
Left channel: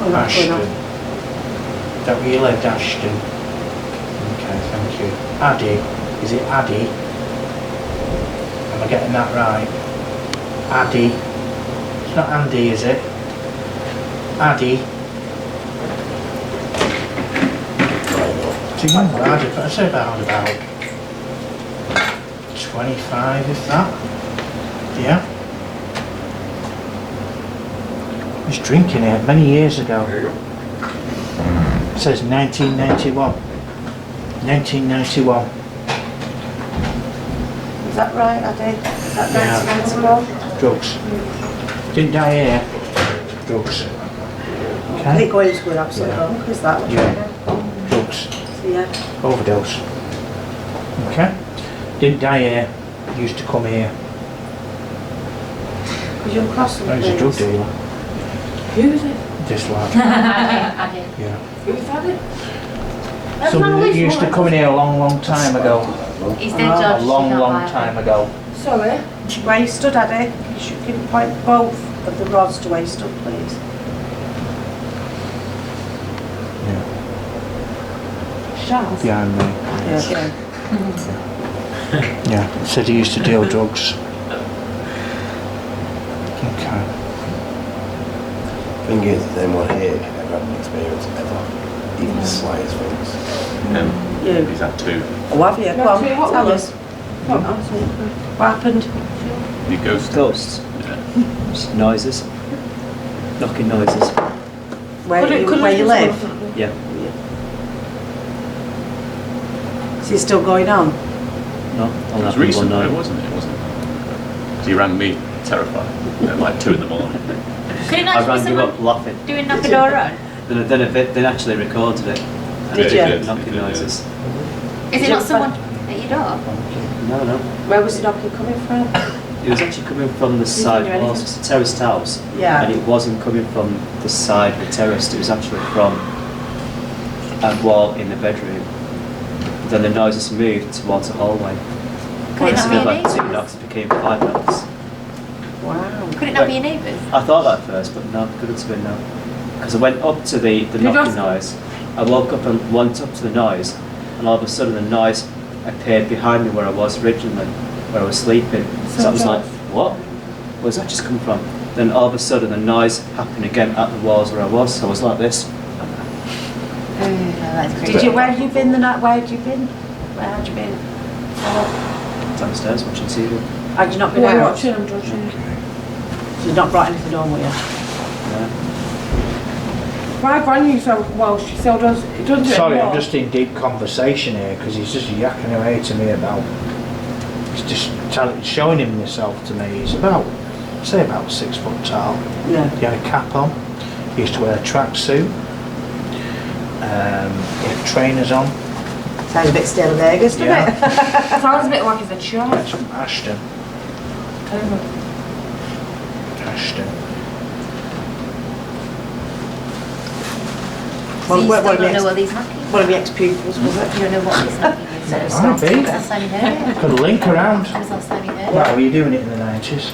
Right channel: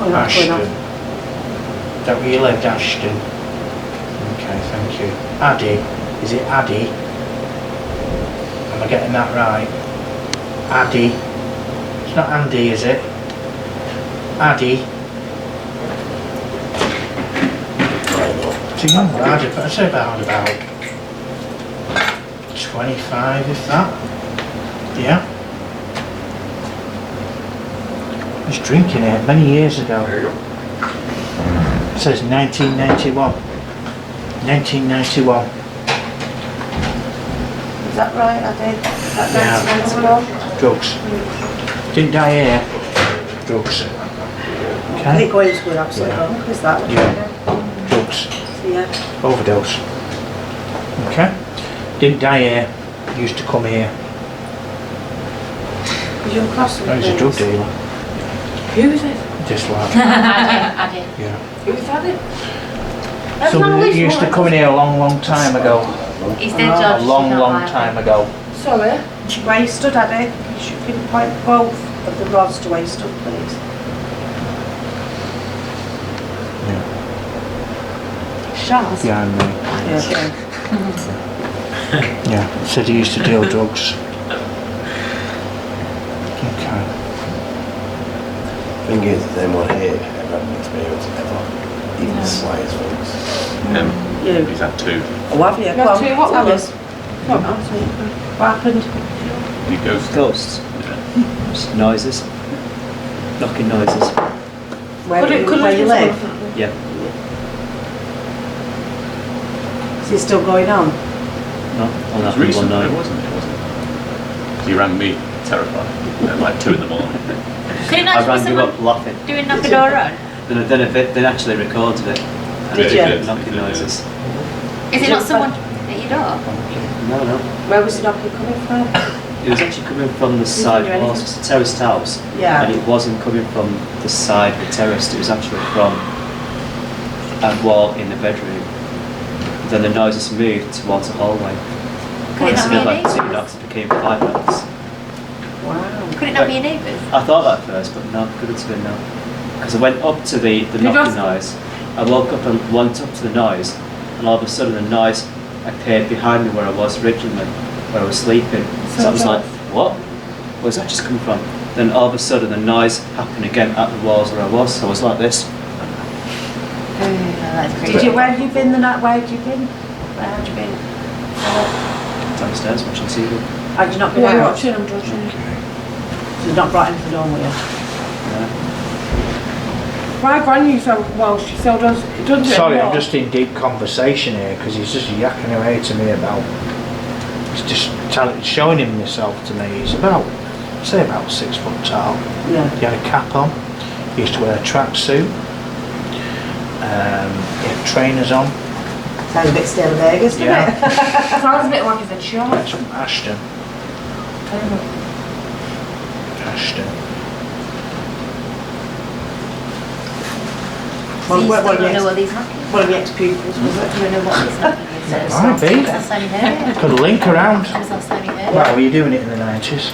Ashton. Is that where you lived, Ashton? Okay, thank you. Addy. Is it Addy? Am I getting that right? Addy. It's not Andy, is it? Addy. It's a young lad, I'd say about 25, if that. Yeah. I was drinking it many years ago. It says 1991. 1991. Is that right, Addy? Is that 1991? Drugs. Didn't die here. Drugs. I Okay. think going to school absolutely wrong. Is that? Yeah. Drugs. Yeah. Overdose. Okay. Didn't die here. Used to come here. Could you cross them, No, he's a drug dealer. Who is it? This lad. Addy. Yeah. Who's Addy? Somebody that used to come in here a long time ago. He's dead, George. A long time ago. Sorry. Where you stood, Addy? You should pinpoint both of the rods to where you stood, please. Shaz? Behind me. Yeah. Yeah. Said he used to deal drugs. Okay. Thing is, them one here never had an experience ever, even the slightest things. You? He's had two. Oh, have you? Go on, tell us. What happened? Any ghosts? Ghosts. Just noises. Knocking noises. Where you live? Yeah. Is it still going on? No, It on was that one recent, night. wasn't it? So you rang me terrified at like 2 in the morning. Could it not I just be rang you someone up laughing. doing knock a door on? Then actually recorded it. And Did it you? did knocking noises. Is it not someone at your door? No. Where was the knocking coming from? It was actually coming from the side do walls. It's a terraced house. Yeah. And it wasn't coming from the side of the terrace. It was actually from a wall in the bedroom. Then the noises moved towards the hallway. Could it not Instead be of your like 2 neighbours? knocks, it became 5 knocks. Wow. Could it not be your neighbours? I thought that at first, but no, couldn't have been no. Because I went up to the knocking noise. I woke up and went up to the noise, and all of a sudden the noise appeared behind me where I was originally, where I was sleeping. So I was like, what? Where's that just come from? Then all of a sudden the noise happened again at the walls where I was, so I was like this. Where have you been the night? Where have you been? Where had you been? Downstairs watching TV. Had you not been out? So you've not brought anything home with you? My granny so well, she still does do it Sorry, anymore. I'm just in deep conversation here because he's just yakking away to me about. He's just showing himself to me. He's about 6 foot tall. Yeah. He had a cap on. He used to wear a tracksuit. He had trainers on. Sounds a bit still Vegas, doesn't Yeah. it? Sounds a bit like he's a shark. That's from Ashton. Ashton. So you What still don't your know ex- what these knocking? one of your ex-pupils was it? You don't know what this knocking is? Might be. When was the last time you heard it? Could link around. When was the last time you heard it? Well, were you doing it in the 90s?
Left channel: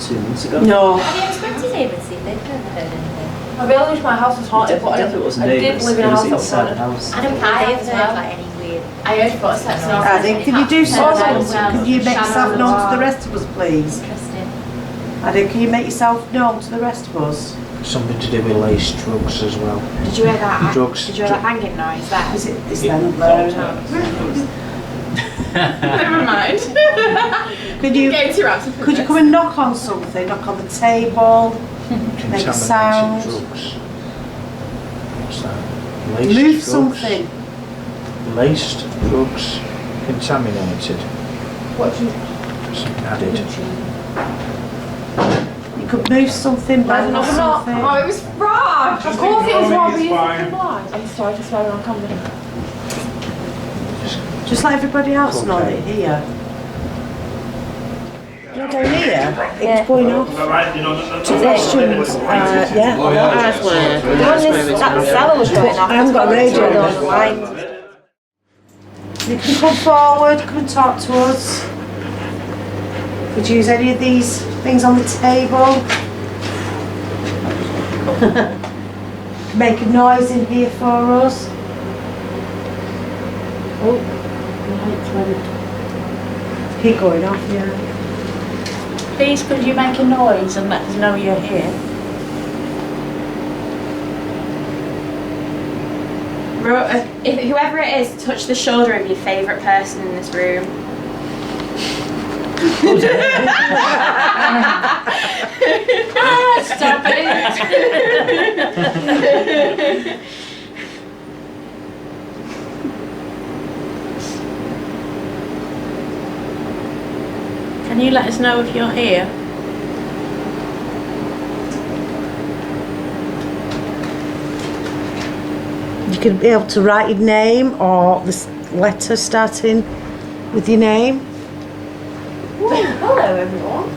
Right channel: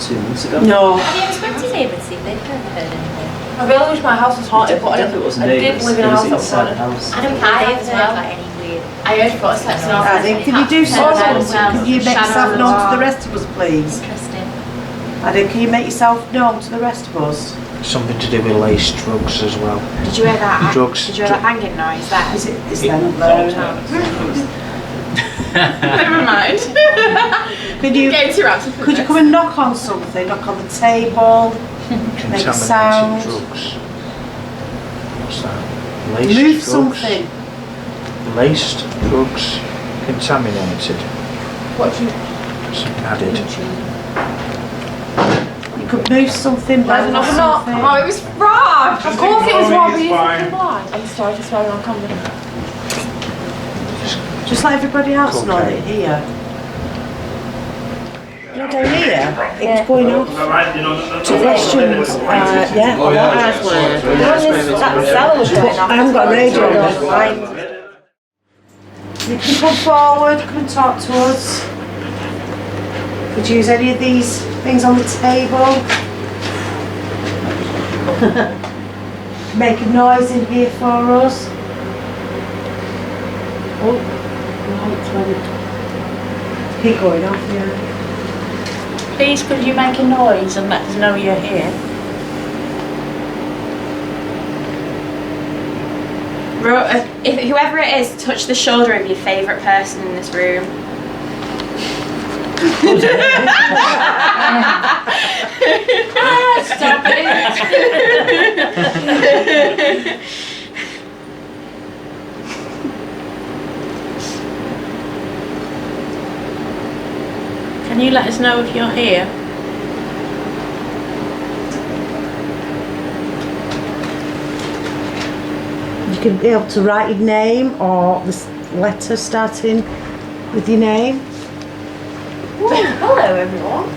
2 months ago. No. Have you ever spoken to your neighbours to see if they've ever heard anything? I really wish my house was haunted, but I Definitely wasn't did neighbours. live in a It was house that was inside the haunted. house. I don't think they've heard like any weird. I heard footsteps and all Can you do something? Can you make yourself known to the rest of us, please? Interesting. Can you make yourself known to the rest of us? Something to do with laced drugs as well. Did you hear that? Drugs. Did you hear that banging noise? That Is them there? Never mind. Could you Could come and knock on something? Knock on the table, make a sound, Drugs. What's that? Laced move drugs. something. Laced drugs. Contaminated. What do you Something added. You could move something, bang or something. Oh, it was Rob. Of course it was Rob, he isn't blind. I'm sorry to swear on camera. Just let everybody else know that you're here. You're down here? It's going off. Two questions. Yeah. Oh, yeah. That cellar was going off. I haven't got a radio on. You can come forward, come and talk to us. Could you use any of these things on the table? Make a noise in here for us. Oh, lights went. Keep going off, yeah. Please, could you make a noise and let us know you're here? If whoever it is, touch the shoulder of your favourite person in this room. Stop it. Can you let us know if you're here? You could be able to write your name or the letter starting with your name. Hello, everyone.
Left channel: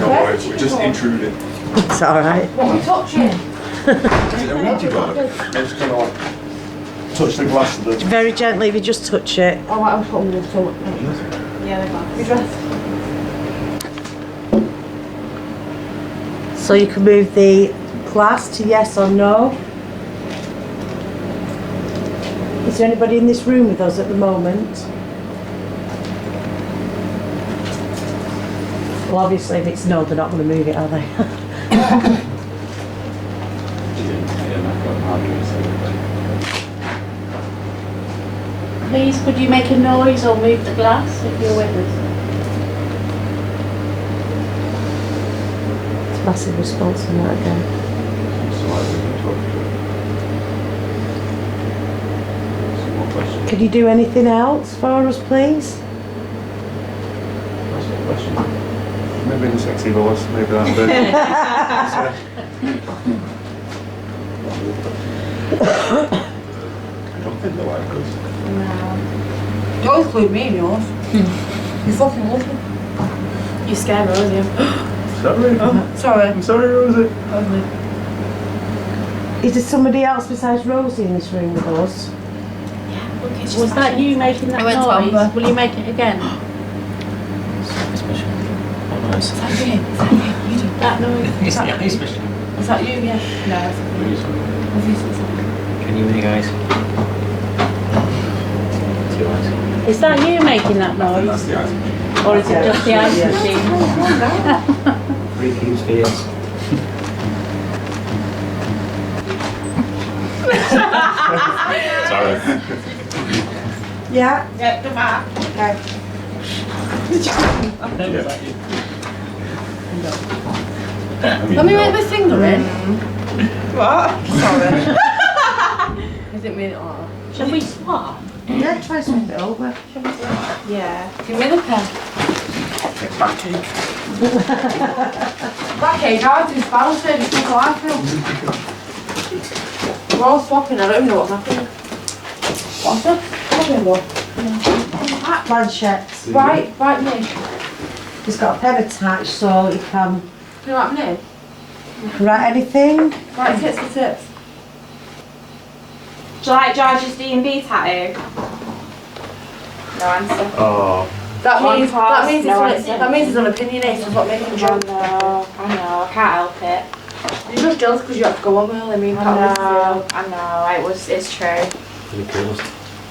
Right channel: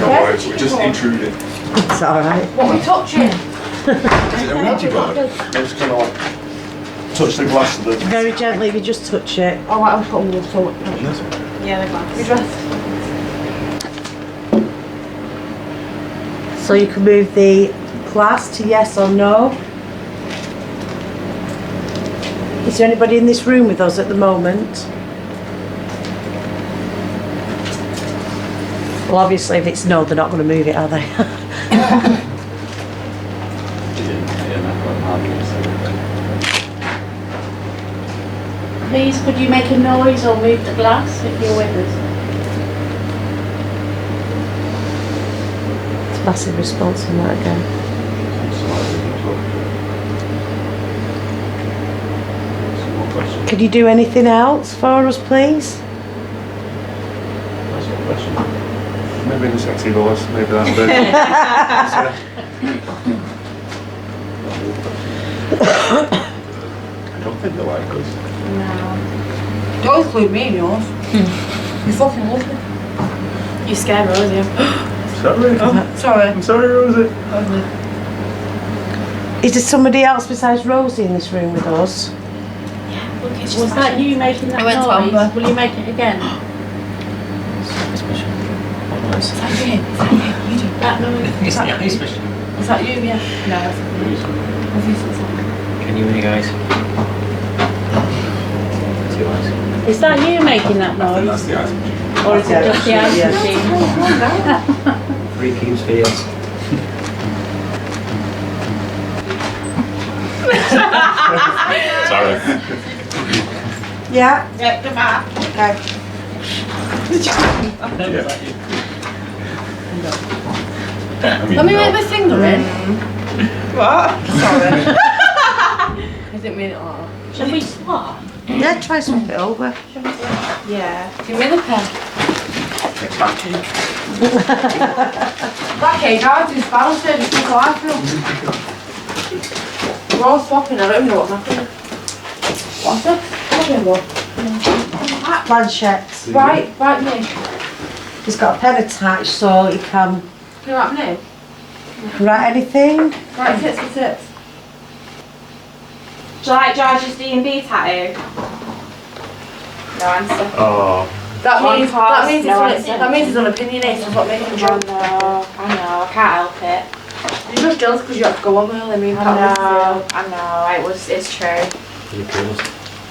No worries, we're just intruding. It's alright. What are we touching? Is it a Ouija board? I'm just going to like touch the glass of the. Very gently, if you just touch it. Oh, I'm putting the salt. Yeah, they're gone. You dressed? So you can move the glass to yes or no. Is there anybody in this room with us at the moment? Well, obviously, if it's no, they're not going to move it, are they? Please, could you make a noise or move the glass if you're with us? It's massive response on that again. Could you do anything else for us, please? That's a good question. Maybe the sexy voice, maybe that'll do. I don't think they like us. No. Don't include me in yours. You fucking love me. You scare Rosie. Sorry. Oh, sorry. I'm sorry, Rosie. Is there somebody else besides Rosie in this room with us? Was that you making that I went to noise? Amber. Will you make it again? What noise? Is that you? Is that you? You do That noise. Is that you? Yeah. No, it's not. Can you hear guys? Two eyes. Is that you making that noise? That's the ice machine. Or is it just the ice machine? Three cubes for yours. Sorry. Yeah? Yeah, come on. Okay. Let me make my finger in. What? Sorry. I didn't mean it like that. Shall we swap? Yeah, try swap it over. Yeah. Give me the pen. Back to That cake, I was just bouncing. It's how I feel. We're all swapping. I don't even know what's happening. What's this? Planchettes. Right me. He's got a pen attached so he can You know what I'm doing? write anything. Right, tips for tips. Do you like George's D&B tattoo? No answer. Oh. That One means pass, no that means he's unopinionated. That's what makes him I drunk. know, I can't help it. You're just jealous because you have to go on early. I mean, I know, it's true.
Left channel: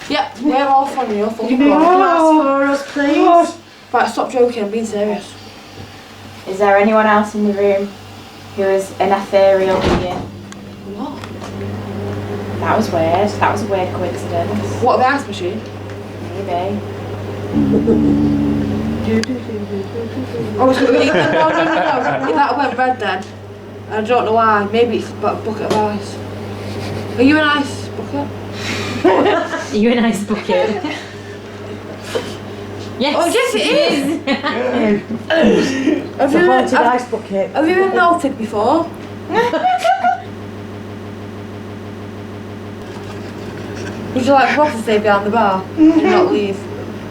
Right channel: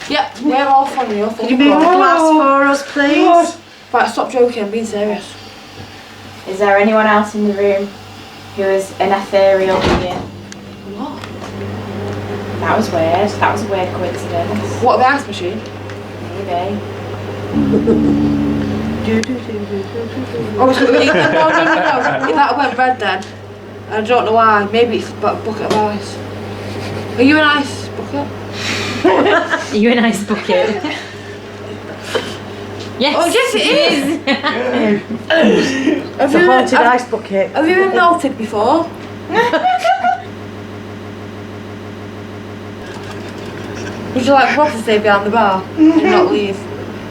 Yep, we're all from you. Can you move the glass for us, please? Right, stop joking. I'm being serious. Is there anyone else in the room who is an ethereal being? What? That was weird. That was a weird coincidence. What, the ice machine? Maybe. Oh, so no. That went red then. I don't know why. Maybe it's about a bucket of ice. Are you an ice bucket? Are you an ice bucket? Yes. Oh, yes, it is. It's a haunted ice bucket. Have you been melted before? Would you like Ross to stay behind the bar and not leave?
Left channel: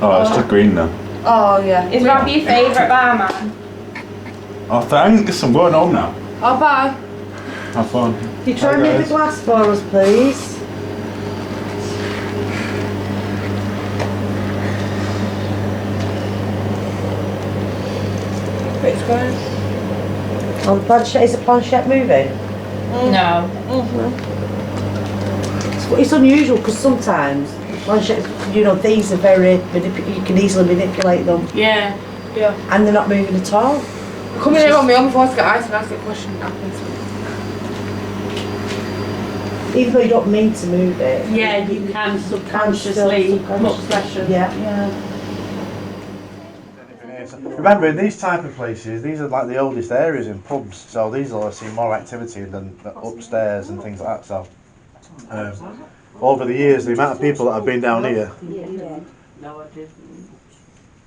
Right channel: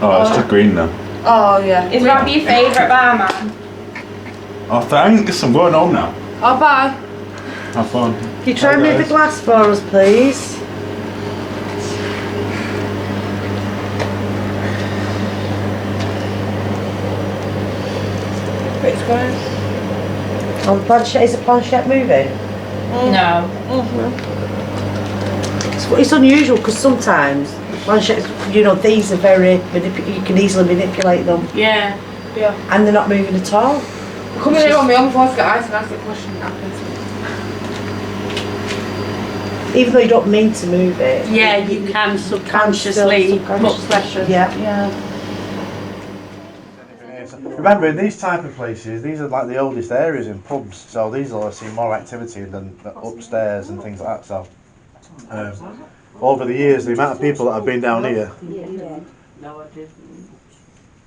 Oh, it's just green now. Oh, yeah. Is Rob your favourite barman? Oh, thanks. I'm going home now. Oh, bye. Have fun. Can you try and move the glass for us, please? It's going. On the planchette, is the planchette moving? No. It's unusual because sometimes planchettes, these are very, you can easily manipulate them. Yeah. Yeah. And they're not moving at all. Come in here on my own before I get ice and ask the question happens. Even though you don't mean to move it. Yeah, you can subconsciously put pressure. Yeah. Remember, in these type of places, these are like the oldest areas in pubs, so these will see more activity than upstairs and things like that. So, over the years, the amount of people that have been down here. No, I didn't.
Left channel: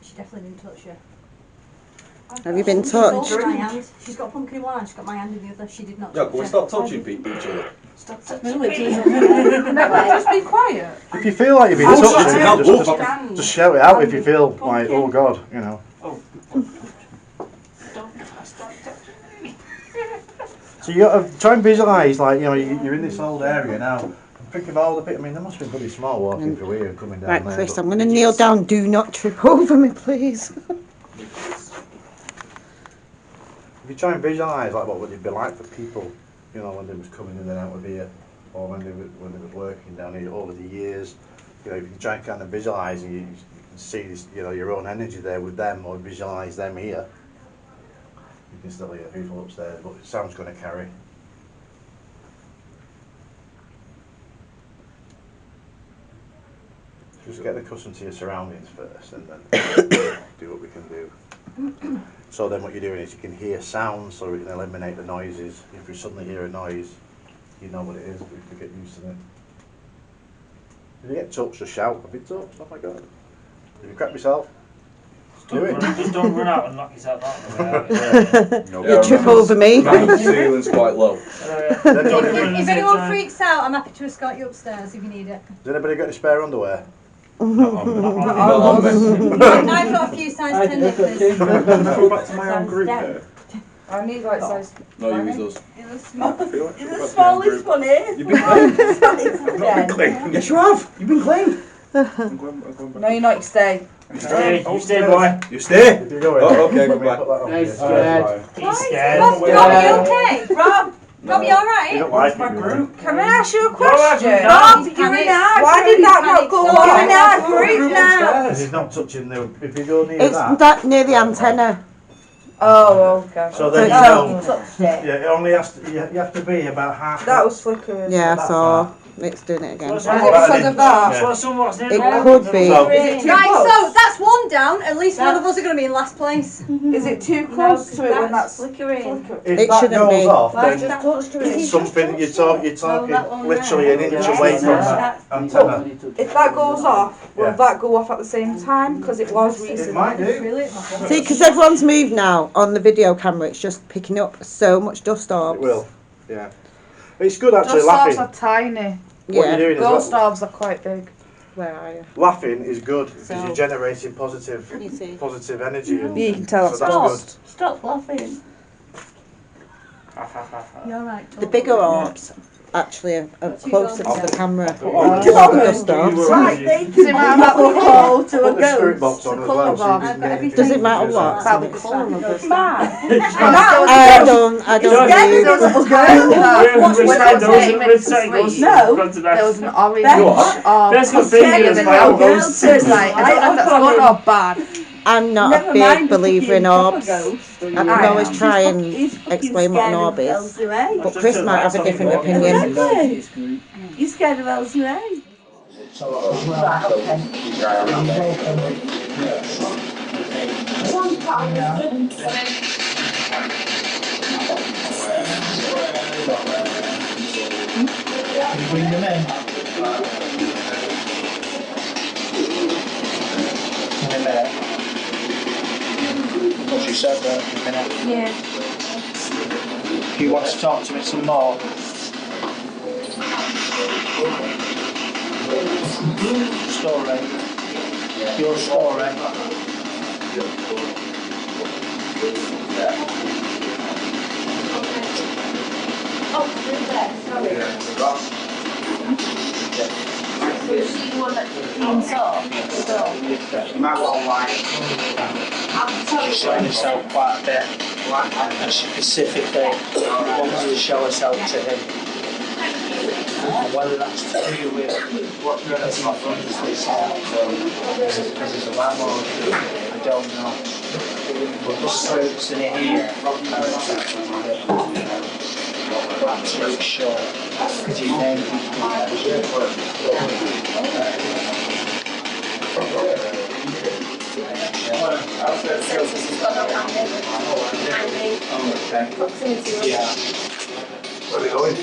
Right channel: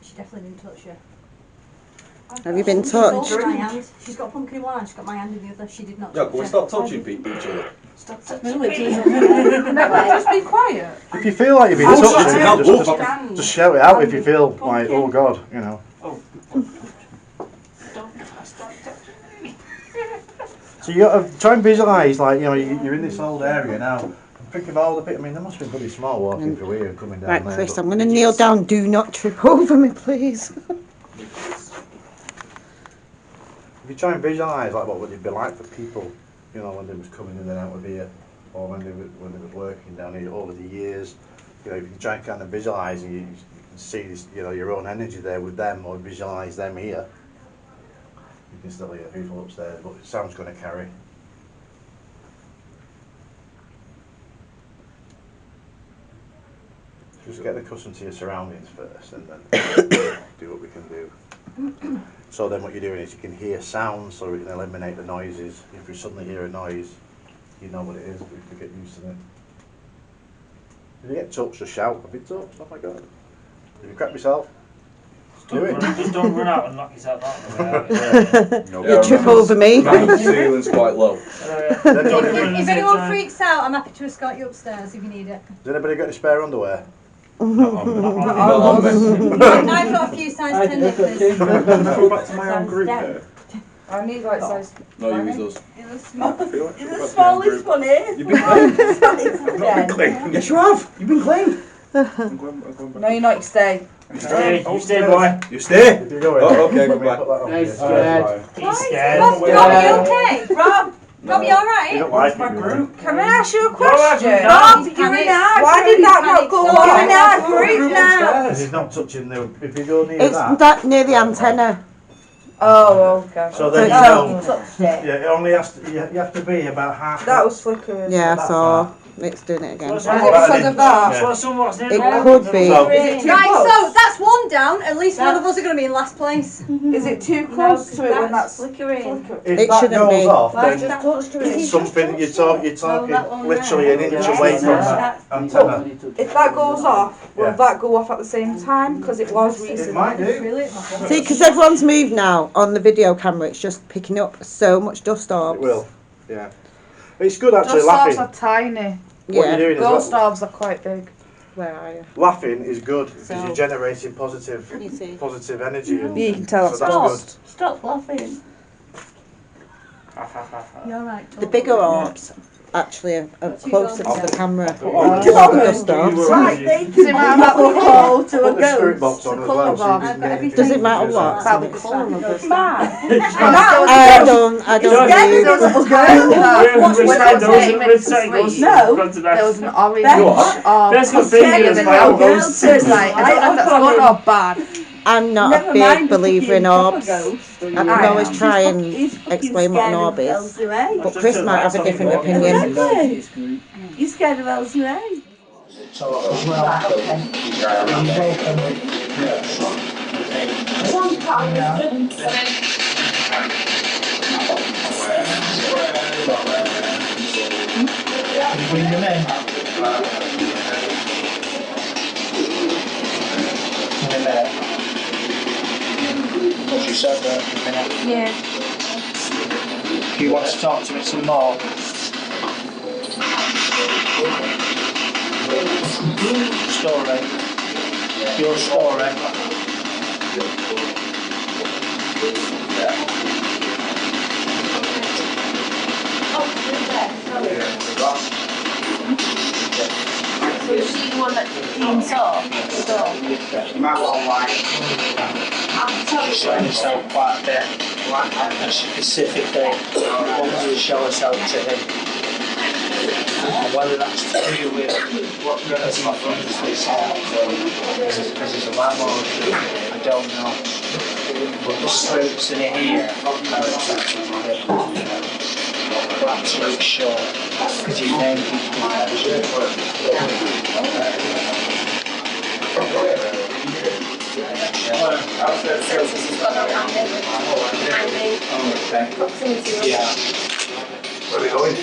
She definitely didn't touch you. Have you been touched? My hand. She's got a pumpkin in one hand, she's got my hand in the other. She did not Yeah, touch can we her. stop touching each other? Stop touching Just be quiet. If you feel like you've been touched, just shout it out if you feel like, oh God, So you got to try and visualise, like, you're in this old area now. Think of all the people. I mean, there must be pretty small walking through here and coming down Right, there. Chris, but I'm going to kneel down. Do not trip over me, please. If you try and visualise, like, what would it be like for people, when they was coming in and out of here, or when they was working down here over the years. If you can try and kind of visualise and you can see this, your own energy there with them, or visualise them here. You can still hear people upstairs, but the sound's going to carry. Just get accustomed to your surroundings first, and then do what we can do. So then what you're doing is you can hear sounds, so we can eliminate the noises. If you suddenly hear a noise, you know what it is, but you have to get used to it. If you get touched, just shout, I've been touched, oh my god. If you crap yourself, just do it. Just don't run out and knock yourself out. You trip over me. The ceiling's quite low. If anyone freaks out, I'm happy to escort you upstairs if you need it. Has anybody got any spare underwear? I've got a few size 10 knickers. Go back to my own group. I need like size. No, you use those. In the smallest one here. You've been clean. I've not been clean. Yes, you have. You've been clean. I'm going back. No, you're not. You stay. You stay, boy. You stay? If you're going, oh, okay, goodbye. He's scared. He's scared. Rob, you okay? Rob, you alright? You don't like my group. Can I ask you a question? Rob, you're in our Why did that not go on? You're in our group now. Because he's not touching the, if you go near It's that near the antenna. Oh, okay. So then you know, yeah, it only has to, you have to be about half. That was flickering. Yeah, so it's doing it again. Because of that. It could be. Right, so that's one down. At least one of us are going to be in last place. Is it too close to it when that's flickering? If It that shouldn't goes be. off, then it's something you're talking literally an inch away from that antenna. If that goes off, will Yeah. that go off at the same time? Because it was recently. It might do. See, because everyone's moved now on the video camera, it's just picking up so much dust orbs. It will, yeah. It's good actually Dust orbs laughing. are tiny. What you're doing is Ghost orbs are quite big. Where are you? laughing is good because So- you're generating positive energy. And You can tell so that's that's Stop laughing. You're right. The bigger orbs actually are closer to the camera. Oh, The dust orbs. Right, does it matter what we call to a Put the spirit ghost? box on The as colour well, of so you orbs. can get anything. Does it matter what? About the colour of the I don't When I came into sleep, there was an orange orb. Best good thing is my old ghost. So it's like, I don't know if that's good or bad. I'm not a big believer in orbs. I can always try and explain what an orb is. But Chris might have a different opinion. You scared of LCA? Can you bring them in? In a minute. What you said there, in a minute. Yeah. Do you want to talk to me some more? Story. Your story. So is she the one that Dean saw? She's showing herself quite a bit. And she specifically wants to show herself to him. And whether that's to do with what brings him from this house, because he's a landlord, I don't know. But the spooks in here are absolute sure. Because you name people. Yeah. Where are we going?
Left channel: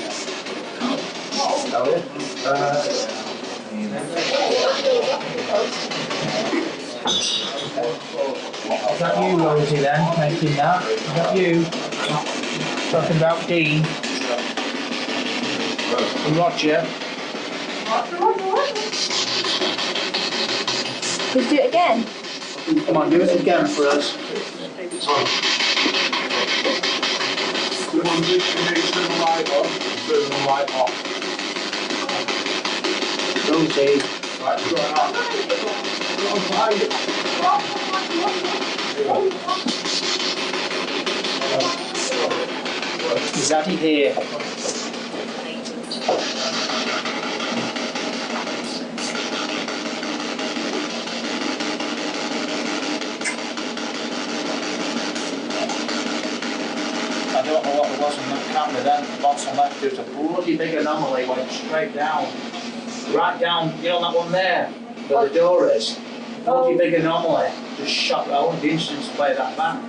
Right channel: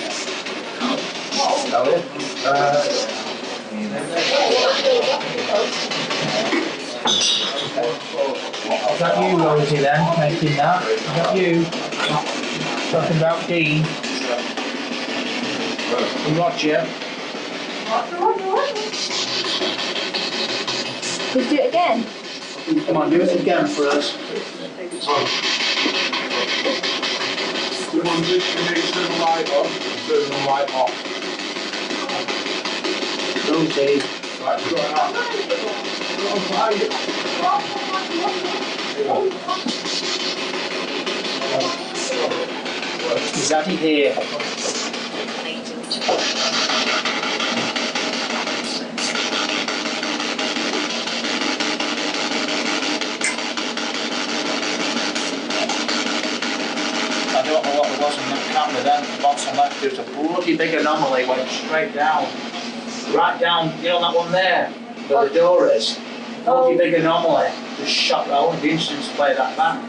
Is that you, Rosie, then, making that? Is that you? Talking about Dean? And Roger? Could you do it again? Come on, do it again for us. Turn the light on, turn the light off. Rosie. Right, go on. Is Daddy here? I don't know what there was on that camera then, the bottom left, there was a bloody big anomaly, went straight down. Right down, you know that one there? where the door is. Bloody big anomaly just shot round. The instruments play that back.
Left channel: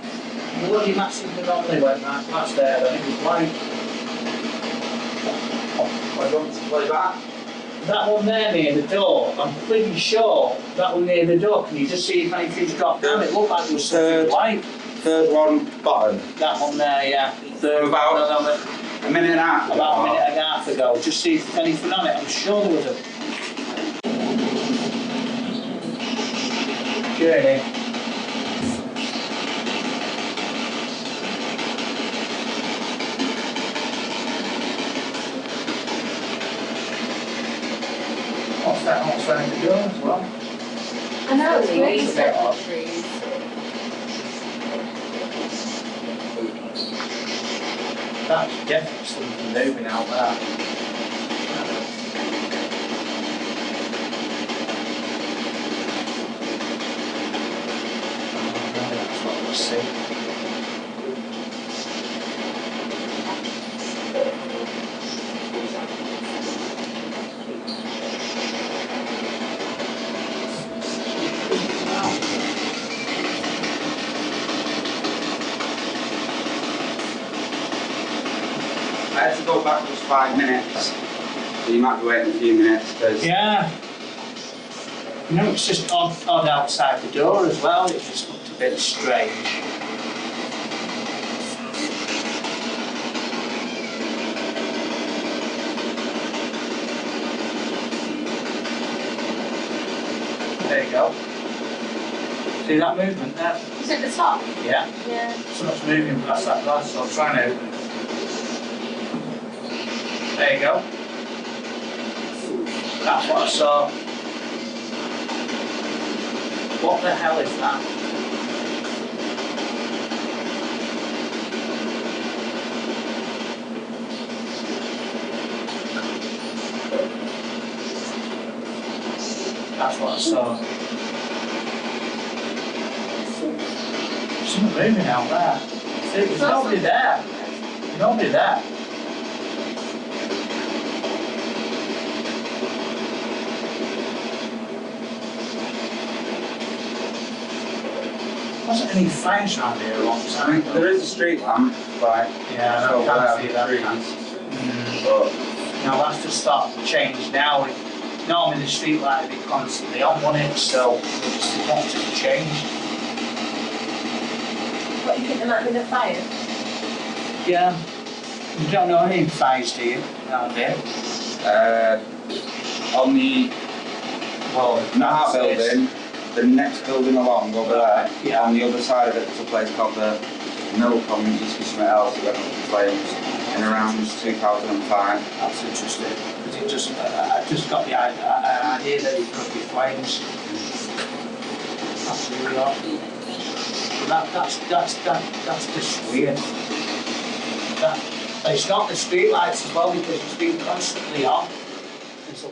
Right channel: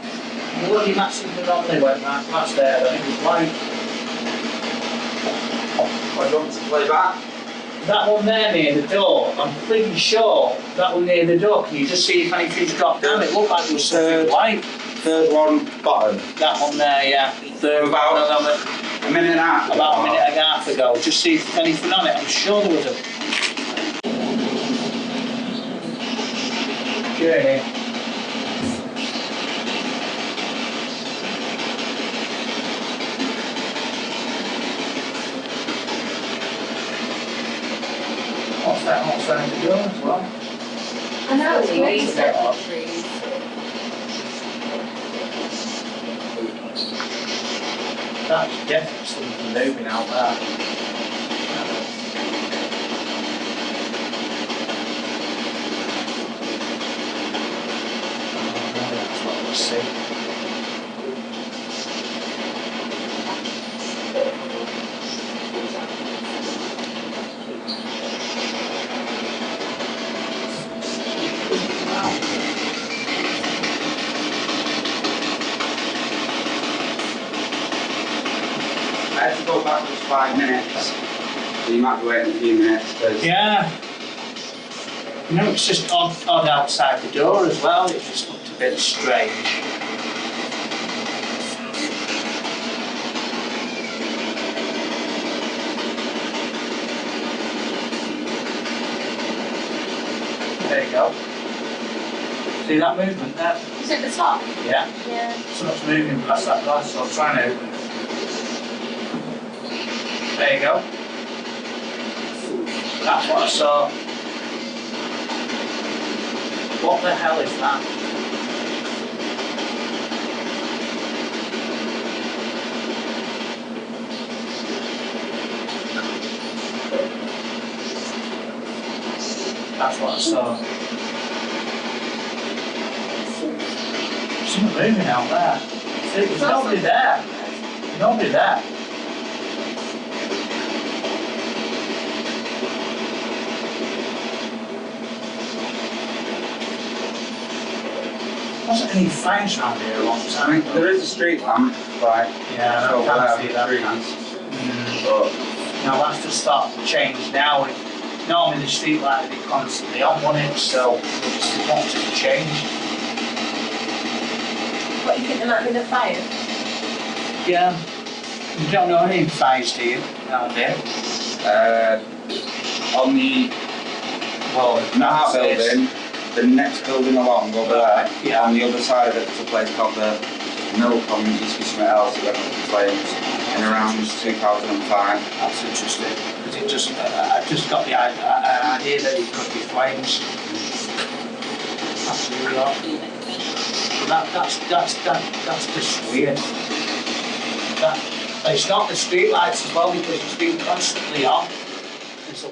The bloody massive anomaly went right past there, and it was white. What do you want to play back? That one there near the door, I'm pretty sure that one near the door. Can you just see if anything's dropped down? It looked like there was something white. Third one bottom. That one there, yeah. Third about one on it. a minute and a half ago. About a minute and a half ago. Just see if there's anything on it. I'm sure there was a journey. What's that outside the door as well? I know, it's Trees. That's definitely something moving out there. That's what we see. I had to go back just 5 minutes. So you might be waiting a few minutes. Yeah. You know, it's just odd outside the door as well. It just looked a bit strange. There you go. See that movement there? Is it the top? Yeah. Yeah. Something's moving past that glass, so I'm trying to. There you go. That's what I saw. What the hell is that? That's what I saw. Something moving out there. See, there's nobody there. Nobody there. Wasn't any fires around here a long time ago. There is a street lamp, right? Yeah, I can't see that. But now that's just starting to change now. Normally the street light would be constantly on, wouldn't it? So it wants to change. What, you think there might be the fire? Yeah. You don't know any fires, do you? Around here? On the Naha building, the next building along over there, on the other side of it, there's a place called the Mill Pond. It used to be something else that went up in flames in around 2005. That's interesting, because it just, I just got the idea that it could be flames. That's really odd. That's just weird. It's not the street lights as well, because it's been constantly on. It's a